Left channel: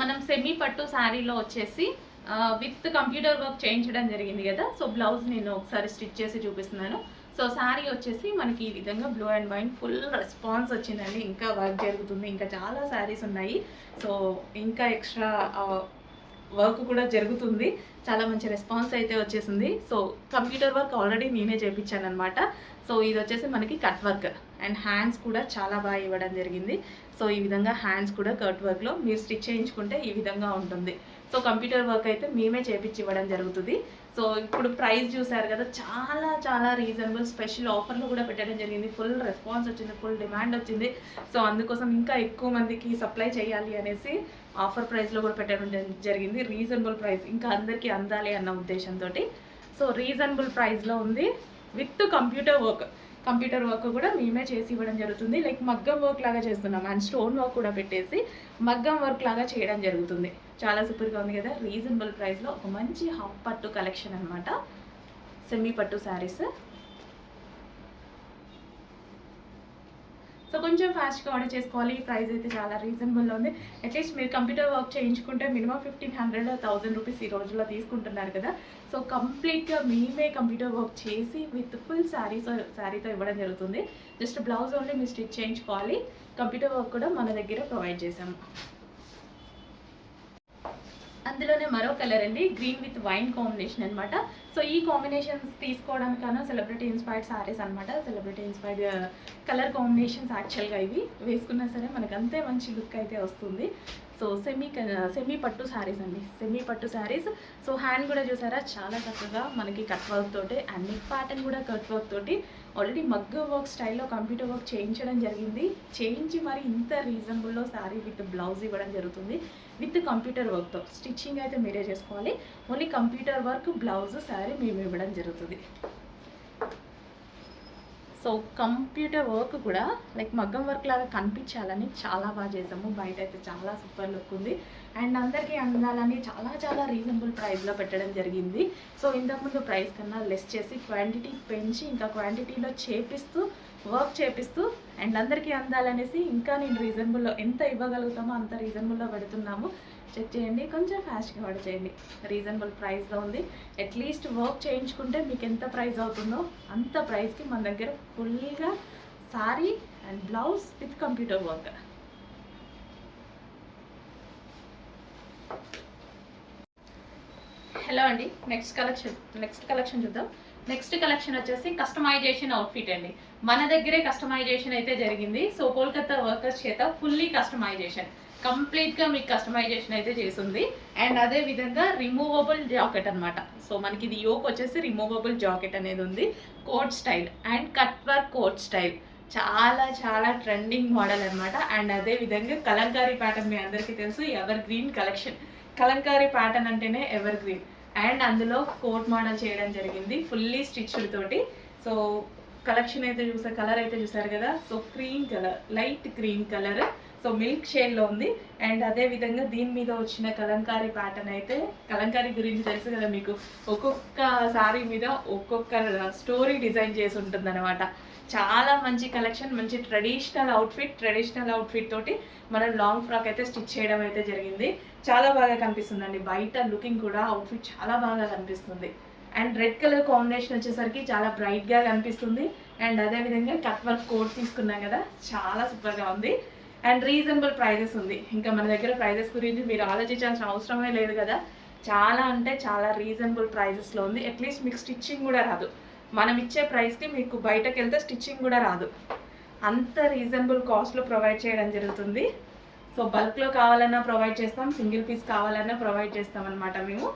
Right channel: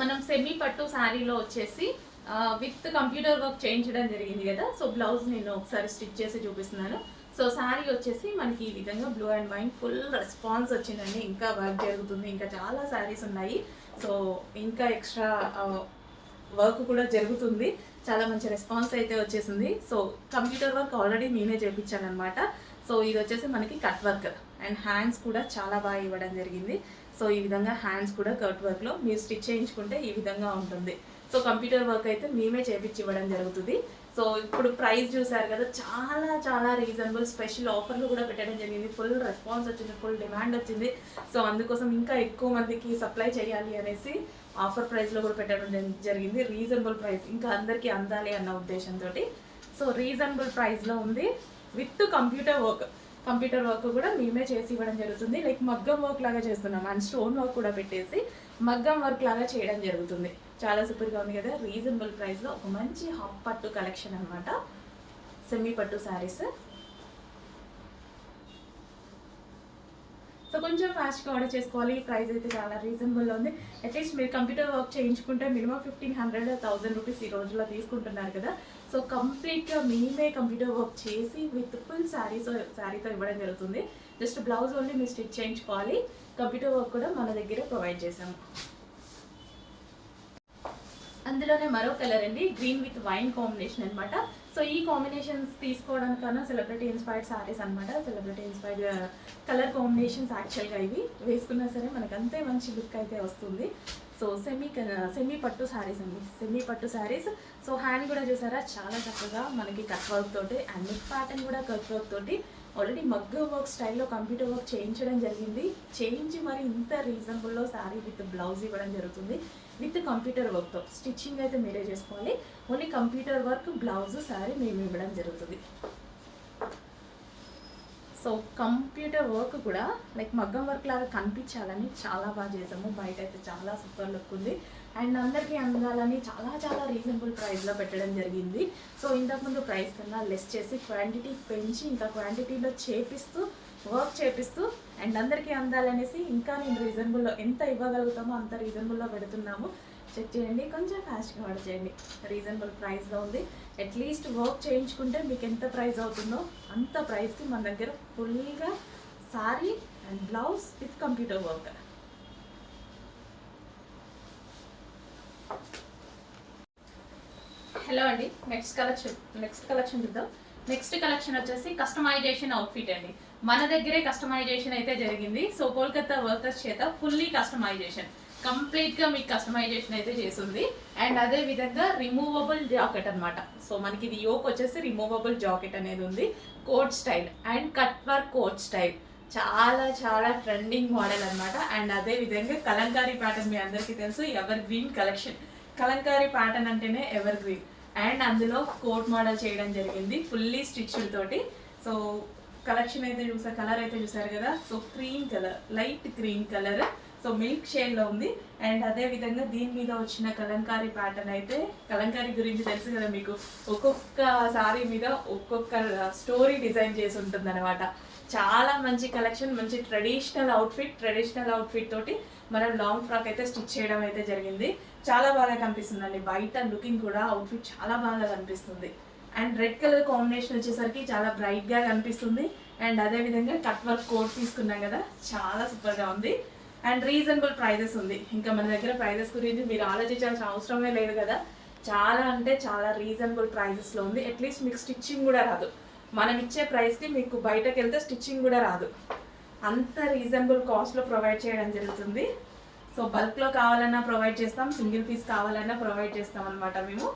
మనం సెమీ పట్టు శారీలో వచ్చేసి విత్ కంప్యూటర్ వర్క్ చేయించడం జరిగింది కదా. సో బ్లౌజ్ నేను ఒకసారి స్టిచ్ చేసి చూపిస్తున్నాను. సో శారీ వచ్చేసి మనకి ఈ విధంగా blue and white full response వచ్చిందండి. ఇంకా వర్క్ జరుగుతుంది, ఇంకా చాలా శారీస్ ఉన్నాయి. సో ఇంకా ఎక్స్ట్రా వర్క్ కూడా జరుగుతుంది. చాలా మంచి రెస్పాన్స్ అయితే వచ్చేసింది. సో కంప్యూటర్ వర్క్ ఆల్రెడీ నేనే చేయించాను అనమాట. సో ఇది వచ్చేసి మనకి కట్ వర్క్ అండ్ హ్యాండ్స్ కూడా చాలా బాగా ఇవ్వడం జరిగింది. సో ఈ విధంగా హ్యాండ్స్ కూడా కట్ వర్క్లో మీరు స్టిచ్ చేయించుకుంటే ఈ విధంగా ఉంటుంది. సో కంప్యూటర్ వర్క్ అయితే మేమే చేయించి ఇవ్వడం జరుగుతుంది. సో ఇప్పుడు ప్రైస్ చూసారు కదా, చాలా చాలా రీజనబుల్, స్పెషల్ ఆఫర్లు కూడా పెట్టడం జరిగింది. ఫుల్ రెస్పాన్స్ వచ్చింది, ఫుల్ డిమాండ్ వచ్చింది. సో అందుకోసం ఇంకా ఎక్కువ మందికి సప్లై చేయాలి అనేసి ఆఫర్ ప్రైస్లో కూడా పెట్టడం జరిగింది. రీజనబుల్ ప్రైస్, ఇంకా అందరికీ అందాలి అన్న ఉద్దేశంతో. సో రీజనబుల్ ప్రైస్లో ఉంది విత్ కంప్యూటర్ వర్క్ కూడా మేమే చేసి ఇవ్వడం జరుగుతుంది. లైక్ మగ్గం వర్క్ లాగా చేస్తున్నాం అండ్ స్టోన్ వర్క్ కూడా పెట్టేసి మగ్గం వర్క్ లాగా చేయడం జరుగుతుంది. చాలా సూపర్గా ఉంది కదా. రీజనబుల్ ప్రైస్లో ఒక మంచి హాఫ్ పట్టు కలెక్షన్ అనమాట, సెమీ పట్టు శారీస్. సో కొంచెం ఫాస్ట్గా ఆర్డర్ చేసుకోవాలి. ప్రైస్ అయితే చాలా రీజనబుల్లో ఉంది. అట్లీస్ట్ మీరు కంప్యూటర్ వర్క్ చేయించుకుంటే మినిమం 1500-1000 రూపీస్ ఈ రోజుల్లో తీసుకుంటున్నారు కదా. సో కంప్లీట్గా మేమే కంప్యూటర్ వర్క్ చేసి విత్ ఫుల్ శారీతో ఇవ్వడం జరుగుతుంది. జస్ట్ బ్లౌజ్ ఓన్లీ మీరు స్టిచ్ చేయించుకోవాలి. కంప్యూటర్ వర్క్ కూడా మన దగ్గర ప్రొవైడ్ చేసాము. అందులోనే మరో కలర్ అండి, గ్రీన్ విత్ వైన్ కాంబినేషన్ అనమాట. సో ఈ కాంబినేషన్స్ తీసుకోవడానికన్నా సెలబ్రిటీ ఇన్స్పైర్డ్ సారీస్ అనమాట. సెలబ్రిటీ ఇన్స్పైర్డ్ కలర్ కాంబినేషన్స్ యాక్చువల్గా ఇవి వేసుకున్నా సరే మనకు అంతే మంచి లుక్ అయితే వస్తుంది. సో సెమీ పట్టు శారీస్ అండి, సెమీ పట్టు శారీస్. సో హ్యాండ్ కూడా చూసారా చాలా చక్కగా మనకి కట్ వర్క్ తోటి అండ్ నెక్ ప్యాటర్న్ కూడా కట్ వర్క్ తోటి ఆల్రెడీ మగ్గ వర్క్ స్టైల్లో కంప్యూటర్ వర్క్ చేయించడం జరిగింది. చేయించి మరి ఇంత రీజనబుల్లో శారీ విత్ బ్లౌజ్ ఇవ్వడం జరుగుతుంది. విత్ కంప్యూటర్ వర్క్తో స్టిచ్చింగ్ అయితే మీరే చేసుకోవాలి. Only computer work blouse sari మేము ఇవ్వడం జరుగుతుంది. సో కంప్యూటర్ వర్క్ కూడా లైక్ మగ్గం వర్క్ లాగా కనిపించాలని చాలా బాగా చేసాము. బయట అయితే చాలా సూపర్ లుక్ ఉంది అండ్ అందరికీ అందాలని చాలా చాలా రీజనబుల్ ప్రైస్లో పెట్టడం జరిగింది. సో ఇంతకుముందు ప్రైస్ కన్నా లెస్ చేసి క్వాంటిటీ పెంచి ఇంకా క్వాంటిటీలో వర్క్ చేపిస్తూ అండ్ అందరికీ అందాలనేసి ఇంకా నేను రీజనబుల్లో ఎంత ఇవ్వగలుగుతామో అంత రీజనబుల్లో పెడుతున్నాము. చెక్ చేయండి, కొంచెం ఫాస్ట్గా ఆర్డర్ చేయండి. రీజనబుల్ ప్రైస్లో ఉంది. అట్లీస్ట్ వర్క్ చేయించుకుంటే మీకు ఎంత ప్రైస్ అవుతుందో అంత ప్రైస్కి మన దగ్గర ఫుల్గా sorry and blouse with computer work. Hello అండి, నెక్స్ట్ కలెక్షన్ చూద్దాం. నెక్స్ట్ కలెక్షన్ వచ్చేసి కస్టమైజేషన్ అవుట్ఫిట్ అండి. మన దగ్గరే కస్టమైజేషన్ అయితే జరిగింది. సో కోల్కతా వర్కర్స్ చేత ఫుల్లీ కస్టమైజేషన్, కంప్లీట్గా మీకు కస్టమైజేషన్ అయితే చేస్తుంది. అండ్ అదే విధంగా రిమూవబుల్ జాకెట్ అనమాట. సో మనకి ఇది యోక్ వచ్చేసి రిమూవబుల్ జాకెట్ అనేది ఉంది. Coat style and cut work coat style చాలా చాలా ట్రెండింగ్ మోడల్ అనమాట. అండ్ అదే విధంగా కలంకారీ ప్యాటర్న్ మీ అందరికీ తెలుసు, ever green collection. Kalamkari pattern అంటేనే ఎవర్ గ్రీన్. అండ్ అందులో కోట్ మోడల్ చేయడం జరిగింది ఫుల్లీ స్టిచ్డ్ తోటి. సో కలెక్షన్ అయితే కలర్ అయితే చూసారు కదా. So cream colour, light cream colour, so milk షేడ్లో ఉంది. అండ్ అదే విధంగా దీని మీద వచ్చిన కలంకారీ ప్యాటర్న్ అయితే, కలంకారీ గురించి తెలుసు కదా మీకు, ఒక్కొక్క సారీ మీద ఒక్కొక్క స్టోరీ డిజైన్ చేసి ఉంటుంది అనమాట. చాలా మంచి కలెక్షన్, మంచి ట్రెడిషనల్ అవుట్ఫిట్ తోటి మనం లాంగ్ ఫ్రాక్ అయితే స్టిచ్ చేయడం అయితే జరిగింది. చాలా బాగా కనిపిస్తుందండి. బయట లుకింగ్ కూడా అవుట్ఫిట్ చాలా బాగా కనిపిస్తుంది. అండ్ రెడ్ కలర్ కాంబినేషన్ వచ్చేసరికి చాలా బ్రైట్గా కనిపిస్తుంది. అండ్ అదేవిధంగా కట్ వర్క్ కోట్ తీసుకున్నాం కదా, చాలా సూపర్గా ఉంది. అండ్ రీజనబుల్ ప్రైజెస్ ఉంది. ఇంకా మన దగ్గర ప్రైజెస్ గురించి మీరు ఆలోచించాల్సిన అవసరమే లేదు కదా. చాలా అంటే చాలా రీజనబుల్ ప్రైజెస్లో ఉంది. అట్లీస్ట్ మీకు స్టిచ్చింగ్ కూడా రాదు. మనం ఇచ్చే ప్రైస్కి మీకు బయటకు వెళ్తే స్టిచ్చింగ్ కూడా రాదు. అంత రీజనబుల్ కాస్ట్లో ప్రొవైడ్ చేయడం జరుగుతుంది. సో బల్క్లో కావాలన్నా ప్రొవైడ్ చేస్తాం, సింగిల్ పీస్ కావాలన్నా ప్రొవైడ్ చేస్తాం అనమాట మేము.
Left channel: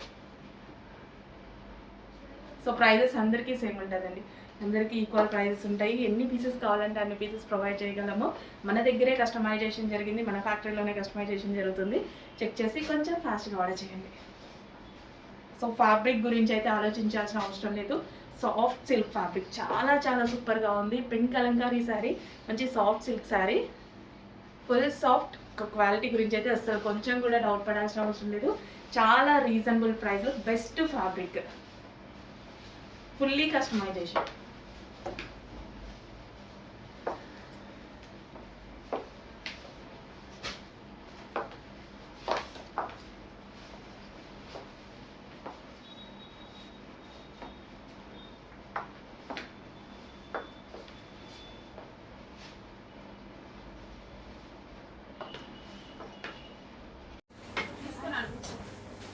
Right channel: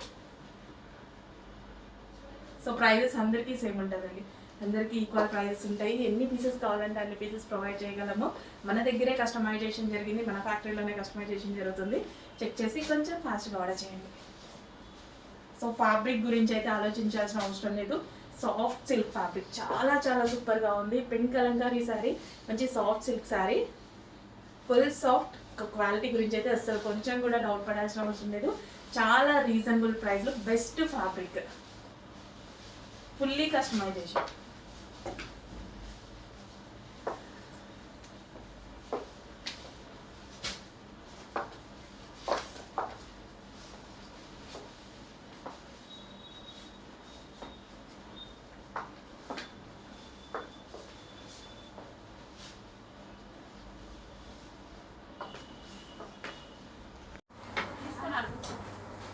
సో ప్రైజెస్ అందరికీ సేమ్ ఉంటుందండి, అందరికీ ఈక్వల్ ప్రైజెస్ ఉంటాయి. ఎన్ని పీసెస్ కావాలంటే అన్ని పీసెస్ ప్రొవైడ్ చేయగలము. మన దగ్గరే కస్టమైజేషన్ జరిగింది, మన ఫ్యాక్టరీలోనే కస్టమైజేషన్ జరుగుతుంది. చెక్ చేసి కొంచెం ఫాస్ట్గా ఆర్డర్ చేయండి. సో ఫ్యాబ్రిక్ గురించి అయితే ఆలోచించాల్సిన అవసరం లేదు. సాఫ్ట్ సిల్క్ ఫ్యాబ్రిక్ చాలా చాలా సూపర్గా ఉంది. పింక్ కలంకారీ శారీ, మంచి soft silk sari, full soft. Quality గురించి అయితే అసలు కొంచెం కూడా డౌట్ పడాల్సిన అవసరం లేదు. చాలా రీజనబుల్ ప్రైస్లో best fabric, fully customisation.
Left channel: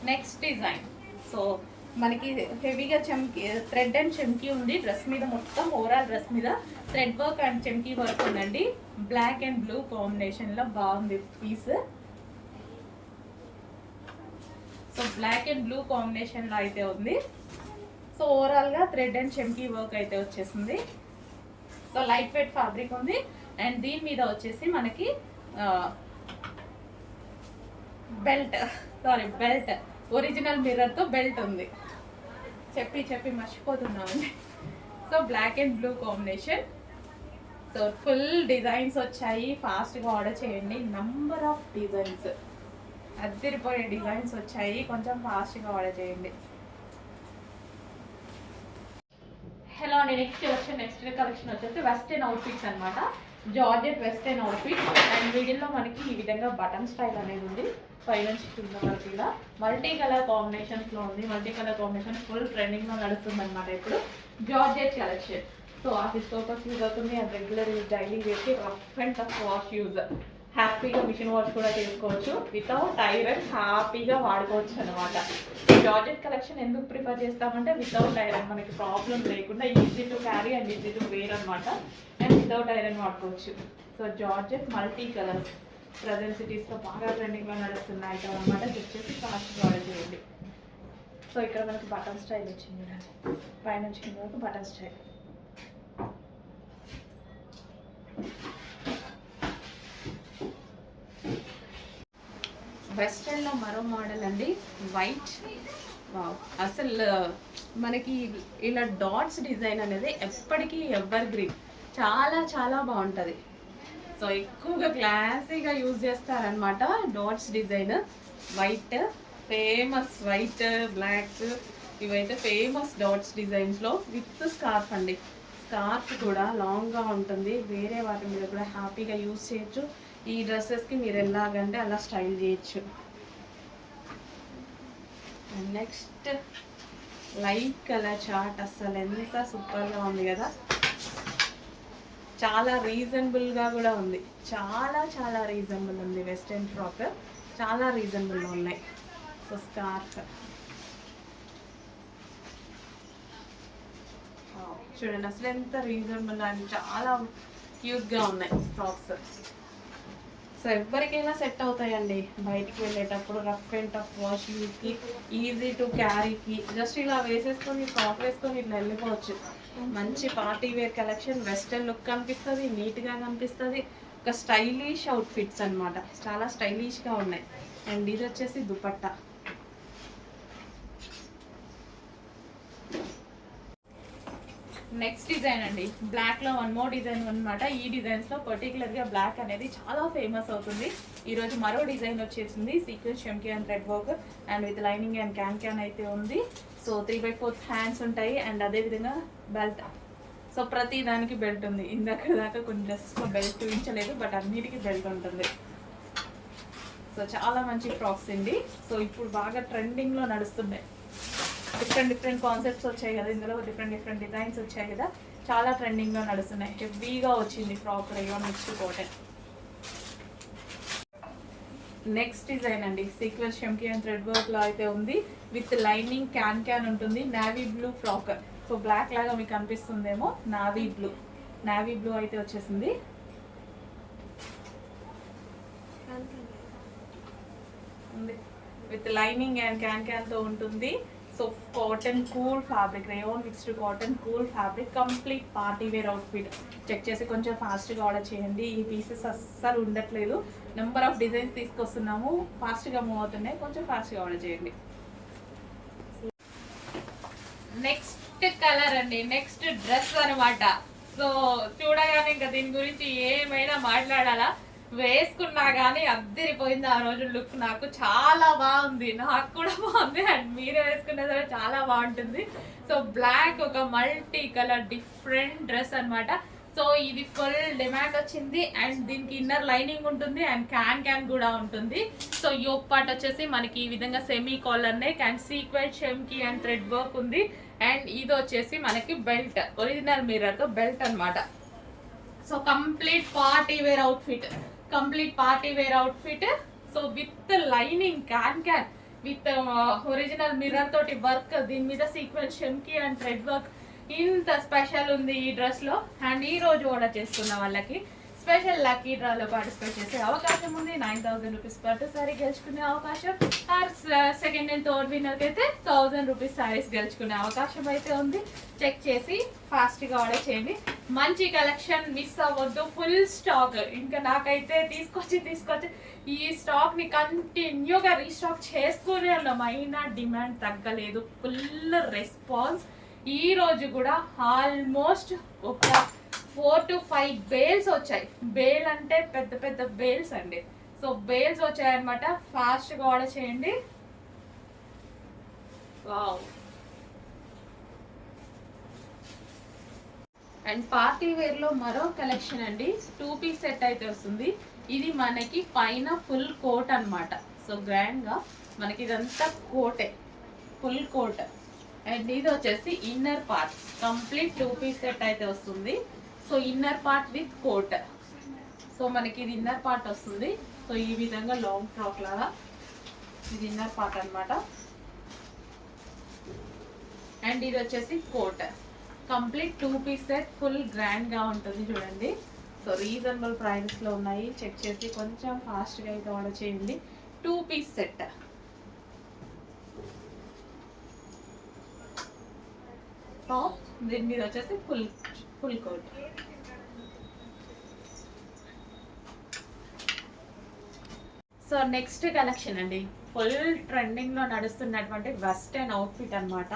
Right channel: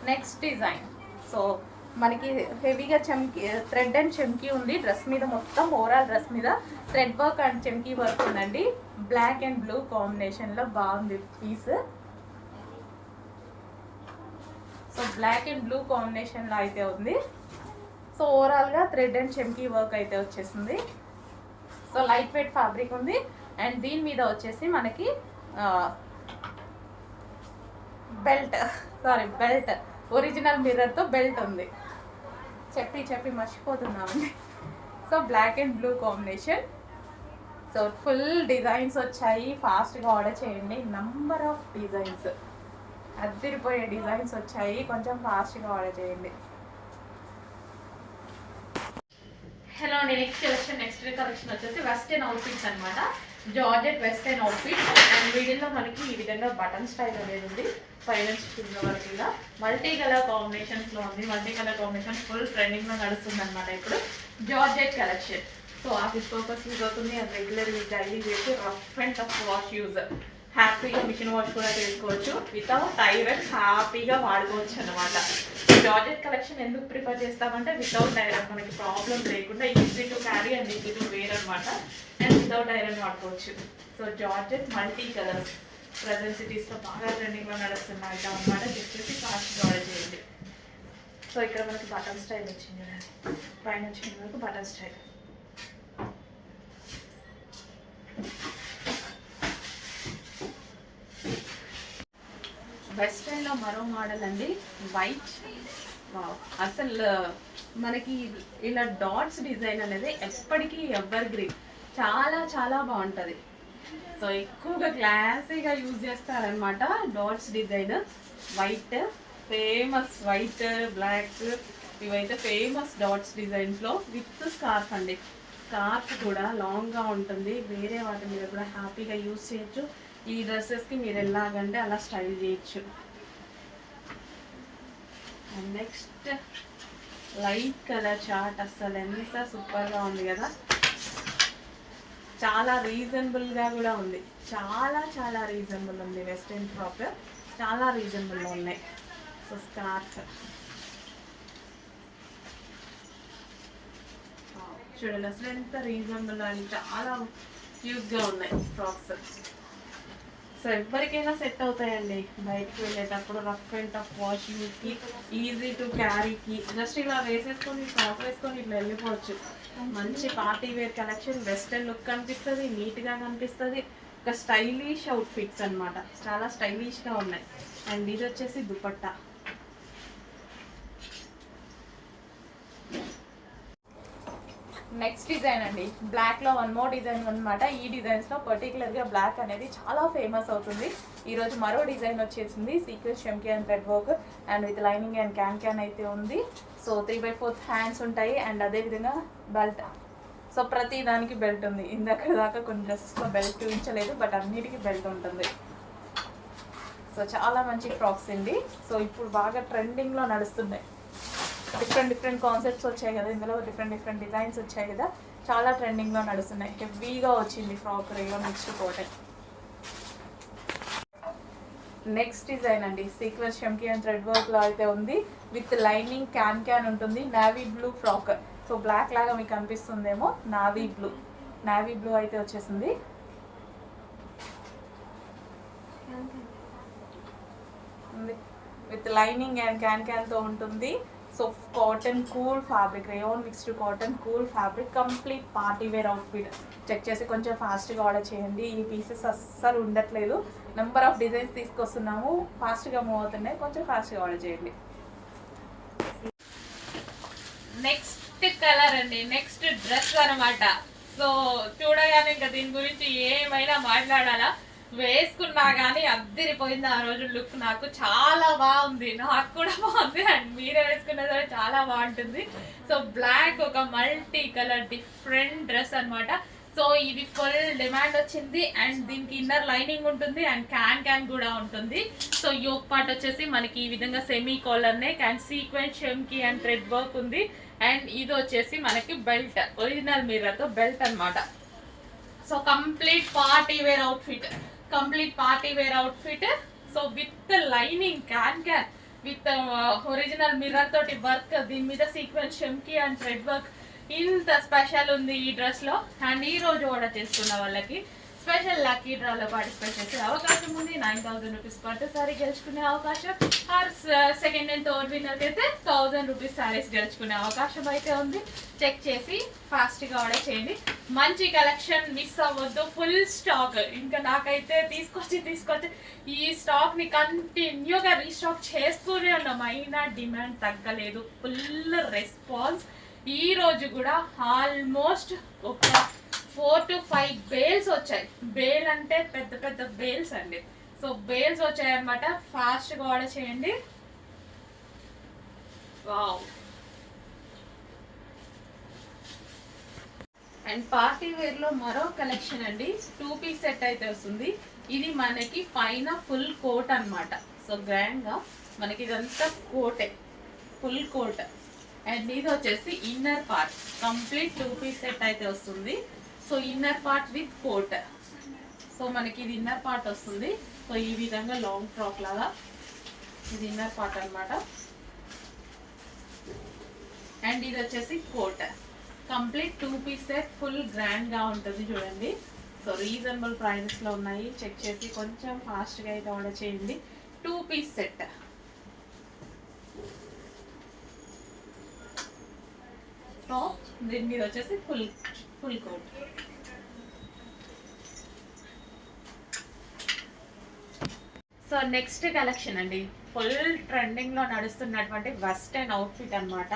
Next design. So మనకి హెవీగా చమ్కీ థ్రెడ్ అండ్ చమ్కీ ఉంది డ్రెస్ మీద, మొత్తం ఓవరాల్ డ్రెస్ మీద థ్రెడ్ వర్క్ అండ్ చమ్కీ వర్క్ ఉందండి. బ్లాక్ అండ్ బ్లూ కాంబినేషన్లో బాగుంది piece. So black and blue కాంబినేషన్లో అయితే ఉంది. సో ఓవరాల్గా థ్రెడ్ అండ్ చమ్కీ వర్క్ అయితే వచ్చేసింది. సో లైట్ వెయిట్ ఫ్యాబ్రిక్ ఉంది. అండ్ దీని మీద వచ్చేసి మనకి బెల్ట్ ఒరిజినల్ మిర్రర్తో బెల్ట్ ఉంది. చెప్పి మర్చిపోతున్నామండి. So black and blue combination. So full designs వచ్చాయి, ఫాస్ట్గా ఆర్డర్ చేయండి. నంబర్ ఆఫ్ డిజైన్స్, అదిరిపోయే డిజైన్స్ వచ్చాయి, కొంచెం ఫాస్ట్గా ఆర్డర్ చేయండి. హలో అండి, నెక్స్ట్ కలెక్షన్ వచ్చేసి వెస్టర్న్ అవుట్ఫిట్స్ అనమాట. Georgette western outfit. అండ్ వీడియోలో మనకి ఈ విధంగా బటన్ స్టైల్ అనేది ఉంది. పైన కింద వరకు ఇలా మల్టీ కలర్ కాంబినేషన్స్లో ఉంది. మల్టీ కలర్ కాంబినేషన్ ఫుల్ ట్రెండింగ్లో నడుస్తుంది అనమాట ఇప్పుడు georgette collection. So office purpose use అవుతుంది, అండ్ రెగ్యులర్ యూజ్, డైలీ వేసి rough and tough wash use. హ్యాపీగా మిషన్ వాష్ కూడా చేసుకోవచ్చు, వితౌట్ ఐరన్ హ్యాపీగా వాడుకోవచ్చు అనమాట. జార్జెట్ కలెక్షన్ ఎందుకు ప్రిఫర్ చేస్తామంటే వితౌట్ ఐరన్ మనకి ప్రాబ్లం లేకుండా easy to carry and easy to wear అనమాట. అండ్ వితౌట్ ఐరన్ వాడుకోవచ్చు. So georgette multi colours present సిటీస్లో బాగా ట్రెండింగ్లో నడుస్తున్న ఐటమ్ అనమాట. చెక్ చేసి ఫాస్ట్గా ఆర్డర్ చేయండి. సో ఇక్కడ మనకి బటన్ స్టైల్ వచ్చింది, పైన వచ్చిన వరకు బటన్ స్టైల్. వెస్ట్రన్లో మరో మోడల్ అండి, వైట్. వావ్, అసలు మనకి ఇలా డాట్స్ డిజైన్ అనేది ఎప్పటికీ ఎవర్ గ్రీన్, చాలా బాగుంటుంది. సో ఎక్కువగా క్లాసీగా యూజ్ చేస్తారనమాట dots design. White famous, white black ఇవైతే ఫేమస్ డాట్స్ డిజైన్స్లో. విత్ స్కార్ఫ్ అండి, స్కార్ఫ్ కూడా లాంగ్గా ఉంటుంది, వేరే వాటి మీద కూడా హ్యాపీగా యూజ్ చేయొచ్చు. ఈ డ్రెస్సెస్కి మీరు ఎలాగంటే అలా స్టైల్ చేయొచ్చు. And next light colour chart, అస్సలు ఎంత సూపర్గా ఉంది కదా. చాలా రీజనబుల్గా కూడా ఉంది, చాలా రీజనబుల్ ఉంది. వెస్టర్న్ ఫ్రాక్ చాలా రీజనబుల్గా ఉన్నాయి. సో స్కార్ఫ్ చూడండి, అసలు ఎంత రీజనబుల్ అని, చాలా క్యూట్గా ఉన్నాయి ఫ్రాక్స్. సో ఎవరికైనా సెట్ అవుతాయండి, బయటికి వెళ్ళేటప్పుడు రఫ్ అండ్ టఫ్ వాష్ యూస్కి, ఈజీ టు క్యారీకి. జస్ట్ ఇలా వేసేసుకొని ఫ్రాక్ వేసుకొని ఇట్లా వెళ్ళిపోవచ్చు. మంచి party wear collection, western look కనిపిస్తుంది, నీట్గా కనిపిస్తుంది. ఒక స్టైలిష్ అవుట్ఫిట్స్ అనమాట, చాలా స్టైలిష్గా ఉన్నాయి. అండ్ ఇది వచ్చేసి దుపట్టా. నెక్స్ట్ డిజైన్ అండి, బ్లాక్లో వన్ మోర్ డిజైన్ అనమాట. ఈ డిజైన్స్లో పర్టికులర్గా బ్లాక్ అనేది చాలా ఫేమస్ అవుతుంది. ఈరోజు మరో డిజైన్ వచ్చేసింది, సీక్వెన్స్ చమ్కీ and thread work and with lining and can అయితే ఉంది. సో 3/4 హ్యాండ్స్ ఉంటాయి. అండ్ అదేవిధంగా బెల్ట్. సో ప్రతి దానికి బెల్ట్ ఉంది. దాకా కొన్ని డ్రెస్సెస్లో బెల్ట్ చూపించలేదు, బట్ అన్నిటికీ బెల్ట్ ఉంటుంది. సో చాలా మంచి ఫ్రాక్స్ అండి. సో ఇప్పుడు బాగా ట్రెండింగ్లో నడుస్తున్నాయి. డిఫరెంట్ కాన్సెప్ట్స్ వచ్చాయి కదా, ఇందులో డిఫరెంట్ డిజైన్స్ వచ్చాయి కదా, చాలా ట్రెండింగ్లో నడుస్తున్నాయి. హెవీగా వచ్చింది ఫ్రాక్, రేగా మిక్స్డ్ కాటన్. నెక్స్ట్ డిజైన్ అండి, సీక్వెన్స్ చమ్కీ అండ్ థ్రెడ్ వర్క్లో అయితే ఉంది. విత్ లైనింగ్ క్యాన్ ఉంటుంది. Navy blue frock. So black లాగా మీకు అనిపిస్తుందేమో, నావీ బ్లూ అయితే వచ్చేసింది. విత్ లైనింగ్ అండ్ క్యాన్తో ఉంటుంది. So cotton cool fabric, rayon mixed cotton cool fabric, complete party wear outfit. Check చేసి కొంచెం ఫాస్ట్గా ఆర్డర్ చేయండి. ఈ పీసెస్ అస్సలు ఉండట్లేదు, నెంబర్ ఆఫ్ డిజైన్స్ తీసుకొస్తున్నాము, ఫాస్ట్గా మూవ్ అవుతున్నాయి, కొంచెం ఫాస్ట్గా ఆర్డర్ చేయండి. నెక్స్ట్ కలర్ అండి, నెక్స్ట్ డ్రెస్ అనమాట. సో చూడగానే ఇంకా దీని గురించి ఏమైనా మాట్లాడాలా, వేసుకున్నా కానీ అద్దరిపోయింది ఆ రోజు లుక్. నాకు చాలా బాగుంది, నాకు కూడా బాగుంది, అండ్ మీరే వేసుకున్నా సరే చాలా బాగుంటుంది. సో బ్లాక్ ఒక మల్టీ కలర్ డిఫరెంట్ డ్రెస్ అనమాట. సో ఇది ఫుల్ డిమాండ్ వచ్చింది. అండ్ దీనికి ఇన్నర్ లైనింగ్ ఉంటుంది అండ్ క్యాన్ కూడా ఉంటుంది. సో యోక్ పార్ట్ వచ్చేసి మనకి ఈ విధంగా semi collar neck and sequence చమ్కీ అండ్ థ్రెడ్ వర్క్ ఉంది. అండ్ ఇది వచ్చేసి మనకి బెల్ట్, ఒరిజినల్ మిర్రర్తో బెల్ట్ అనమాట. So complete party wear outfit. So with lining can with original mirror తోటి వర్క్, దీని మీద సీక్వెన్స్ షెమ్కి అండ్ థ్రెడ్ వర్క్ ఇంత స్పెషల్ ఉంది ఈ డ్రెస్ లో. అండ్ ఈ రోజు ఆర్డర్ చేసుకున్న వాళ్ళకి స్పెషల్ లక్కీ డ్రాలో పార్టిసిపేట్ చేసే అవకాశం ఉంది. 9000 రూపీస్ పట్టు సారీ గెలుచుకునే అవకాశం, ఆర్ సెకండ్ అండ్ థర్డ్ విన్నర్కి అయితే 1000 రూపీస్ సారీస్ గెలుచుకునే అవకాశం అయితే ఉంది. చెక్ చేసి ఫాస్ట్గా ఆర్డర్ చేయండి. మంచి కలెక్షన్, మిస్ అవ్వద్దు. Full stock. ఇంకా నాకైతే తీసుకొచ్చి ఈ స్టాక్ని కంటిన్యూగా రీస్టాక్ చేస్తూనే ఉన్నాం, అయినా డిమాండ్ తగ్గలేదు. Full response. ఈ రోజు కూడా ఆల్మోస్ట్ ఒక 4 to 5 బేల్స్ వచ్చాయి. బేల్ అంటే పెద్ద పెద్ద బేల్స్ అండి. సో బేల్స్ వచ్చాయన్నమాట. ఫాస్ట్గా ఆర్డర్ చేయండి. వావ్. అండ్ పార్టీ వేర్ లో మరో కలెక్షన్ అండి. 2 పీస్ సెట్ అయితే వస్తుంది. ఇది మనకి పైన ఫుల్ కోట్ అన్నమాట. సో గ్రాండ్ గా మనకి ఇదంతా కోటే, ఫుల్ కోట్. అండ్ ఇది వచ్చేసి inner part, complete 2 piece set అయితే వస్తుంది. So inner part with coat. So మనకి ఇది ఇన్నర్ పార్ట్ వస్తుంది. సో ఈ విధంగా లాంగ్ ఫ్రాక్ లాగా ఇది ఇన్నర్ పార్ట్ అన్నమాట. అండ్ ఇది వచ్చేసి coat, complete 2 piece set, full grand గా ఉంటుంది చూడండి. సో రీజనబుల్ ప్రైజెస్ లో ఉన్నాయి. చెక్ చేసి కొంచెం ఫాస్ట్ గా అయితే ఆర్డర్ చేయండి. 2 పీస్ సెట్. దీని మీద వచ్చేసి full coat. So next collection అండి, ఫుల్ ట్రెండింగ్ లో నడుస్తున్నటువంటి వెస్టర్న్ అవుట్ఫిట్ అన్నమాట.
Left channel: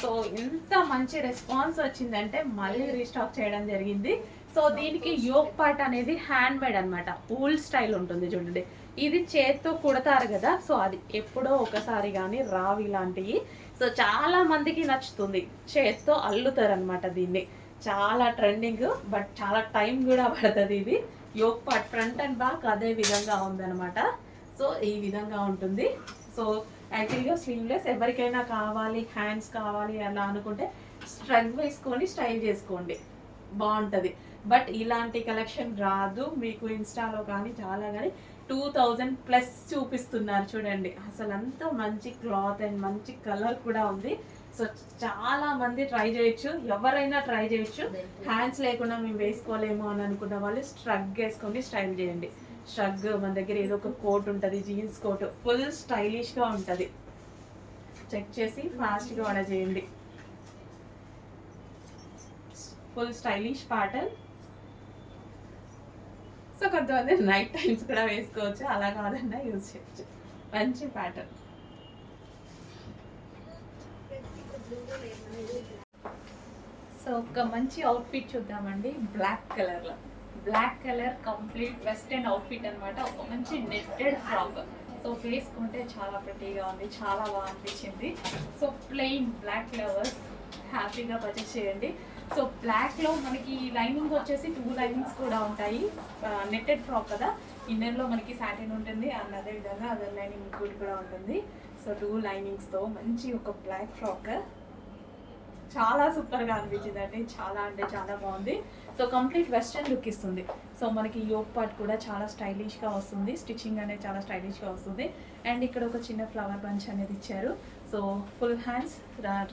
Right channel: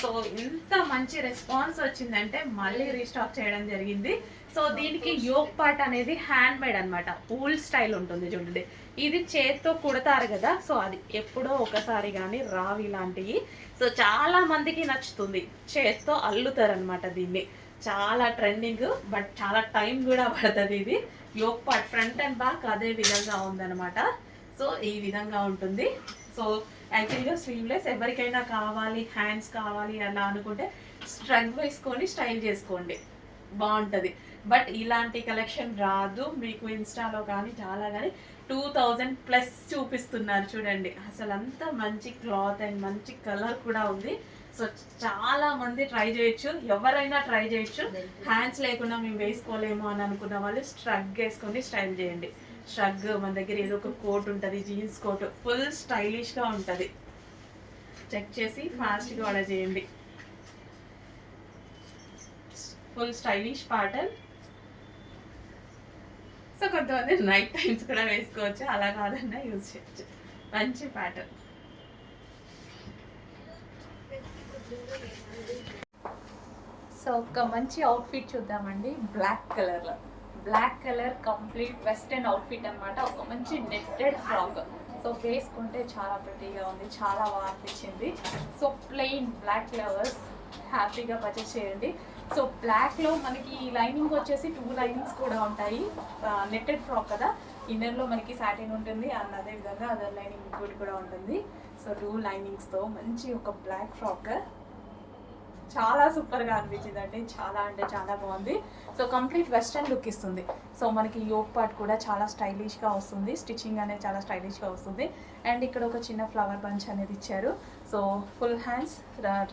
సో ఇంత మంచి రెస్పాన్స్ వచ్చిందంటే మళ్ళీ రీస్టాక్ చేయడం జరిగింది. సో దీనికి యోక్ పార్ట్ అనేది హ్యాండ్ మేడ్ అనమాట, ఊల్ స్టైల్ ఉంటుంది చూడండి. ఇది చేత్తో కుడతారు కదా, సో అది ఎప్పుడో ఒకసారి కానీ రావు ఇలాంటివి. సో చాలా మందికి నచ్చుతుంది, చేత్తో అల్లుతారు అనమాట దీన్ని. చాలా ట్రెండింగ్, బట్ చాలా టైం కూడా పడుతుంది. ఇది yoke part front and back అదే విధంగా ఉందన్నమాట. సో ఈ విధంగా ఉంటుంది. సో యాక్చువల్గా స్లీవ్లెస్ ఎవరికైనా కావాలి, హ్యాండ్స్ కావాలి అలా అనుకుంటే స్ట్రగ్ వేసుకొని స్టైల్ చేసుకోండి, బాగుంటుంది. బట్ ఇలాంటి కలెక్షన్ రాదు మీకు ఇన్స్టాలో కానీ చాలా కానీ 2000+ చూపిస్తున్నారు చూడండి. అసలు అంత మంచి క్లాత్ అండ్ మంచి కలర్ కూడా ఉంది. సో చాలా మంది ట్రై చేయొచ్చు, ఎవరైనా ట్రై చేయొచ్చు. హ్యాండ్స్ లేకుండా మేము వేసుకోలేము అని అనుకున్న వాళ్ళు స్ట్రగ్ వేసుకొని స్టైల్ చేయండి. స్ట్రగ్ మన దగ్గర ఏదో ఒక కోట్ ఉంటుంది, జీన్స్ కోట్, ఫుల్ స్టైలిష్గా ఉంటుంది. చెక్ చేసి ఫాస్ట్గా ఆర్డర్ చేయండి. Full stylish pattern. సో కొంతమంది నైట్ టైమ్స్ కూడా వేసుకోవచ్చు, అలా కావాలన్నా యూజ్ చేయొచ్చు. మంచి ప్యాటర్న్. సో ఒక మంచి అవుట్ఫిట్ చూద్దామండి. బ్లాక్ కలర్లో, black colour complete western outfit అనమాట. ఒక మంచి నెట్టెడ్ ఫ్రాక్. సో వేసుకుంటే చాలా ప్రెటీగా ఉంది, చాలా బాగా అనిపించింది. సో ప్లెయిన్ బ్లాక్ లవర్స్ హ్యాపీగా పర్చేస్ చేయండి. సో బ్లాక్లో మనకి లైనింగ్ వచ్చేసి 2 లైనింగ్స్ కూడా ఉంటాయి. నెట్టెడ్ ఫ్రాక్ కదా, ఇన్నర్లో మనకి సాటిన్ ఉంటుంది అండ్ అదేవిధంగా అదర్ లైనింగ్ ఇంక్లూడ్ కూడా ఉంటుంది. సో 2 లైనింగ్స్తో మంచి ఒక బ్లాక్ ఫ్రాక్ చాలా సూపర్గా అనిపించింది అండి. చాలా అంటే చాలా బాగుంది. సో కంప్లీట్ వెస్టర్న్ లుక్ ఇస్తుంది. సో మనకి యోక్ పార్ట్ కూడా చాలా స్టైలిష్గా వస్తుంది, స్టిచ్చింగ్ అనేది చాలా స్టైలిష్గా వస్తుంది. అండ్ ఇక్కడ ఒక చిన్న ఫ్లవర్ బంచ్ అనేది ఇచ్చారు. So full hands,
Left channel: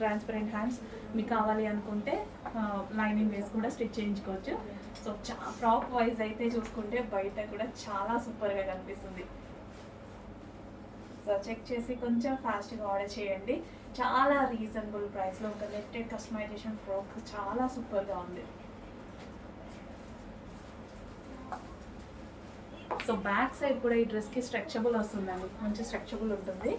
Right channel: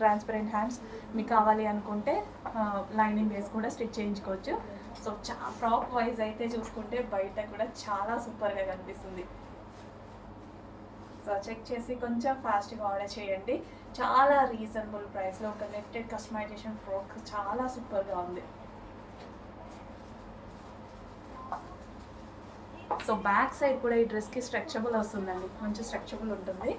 transparent hands. మీకు కావాలి అనుకుంటే లైనింగ్ వేసి కూడా స్టిచ్ చేయించుకోవచ్చు. సో ఫ్రాక్ వైజ్ అయితే చూసుకుంటే బయట కూడా చాలా సూపర్గా కనిపిస్తుంది. సో చెక్ చేసి కొంచెం ఫాస్ట్గా ఆర్డర్ చేయండి. చాలా రీజనబుల్ ప్రైస్లో ఒక నెట్టెడ్ కస్టమైజేషన్ ఫ్రాక్ చాలా సూపర్గా ఉంది. సో బ్యాక్ సైడ్ కూడా ఈ డ్రెస్కి స్ట్రెచబుల్ వస్తుందండి, మంచి స్ట్రెచబుల్ ఉంటుంది.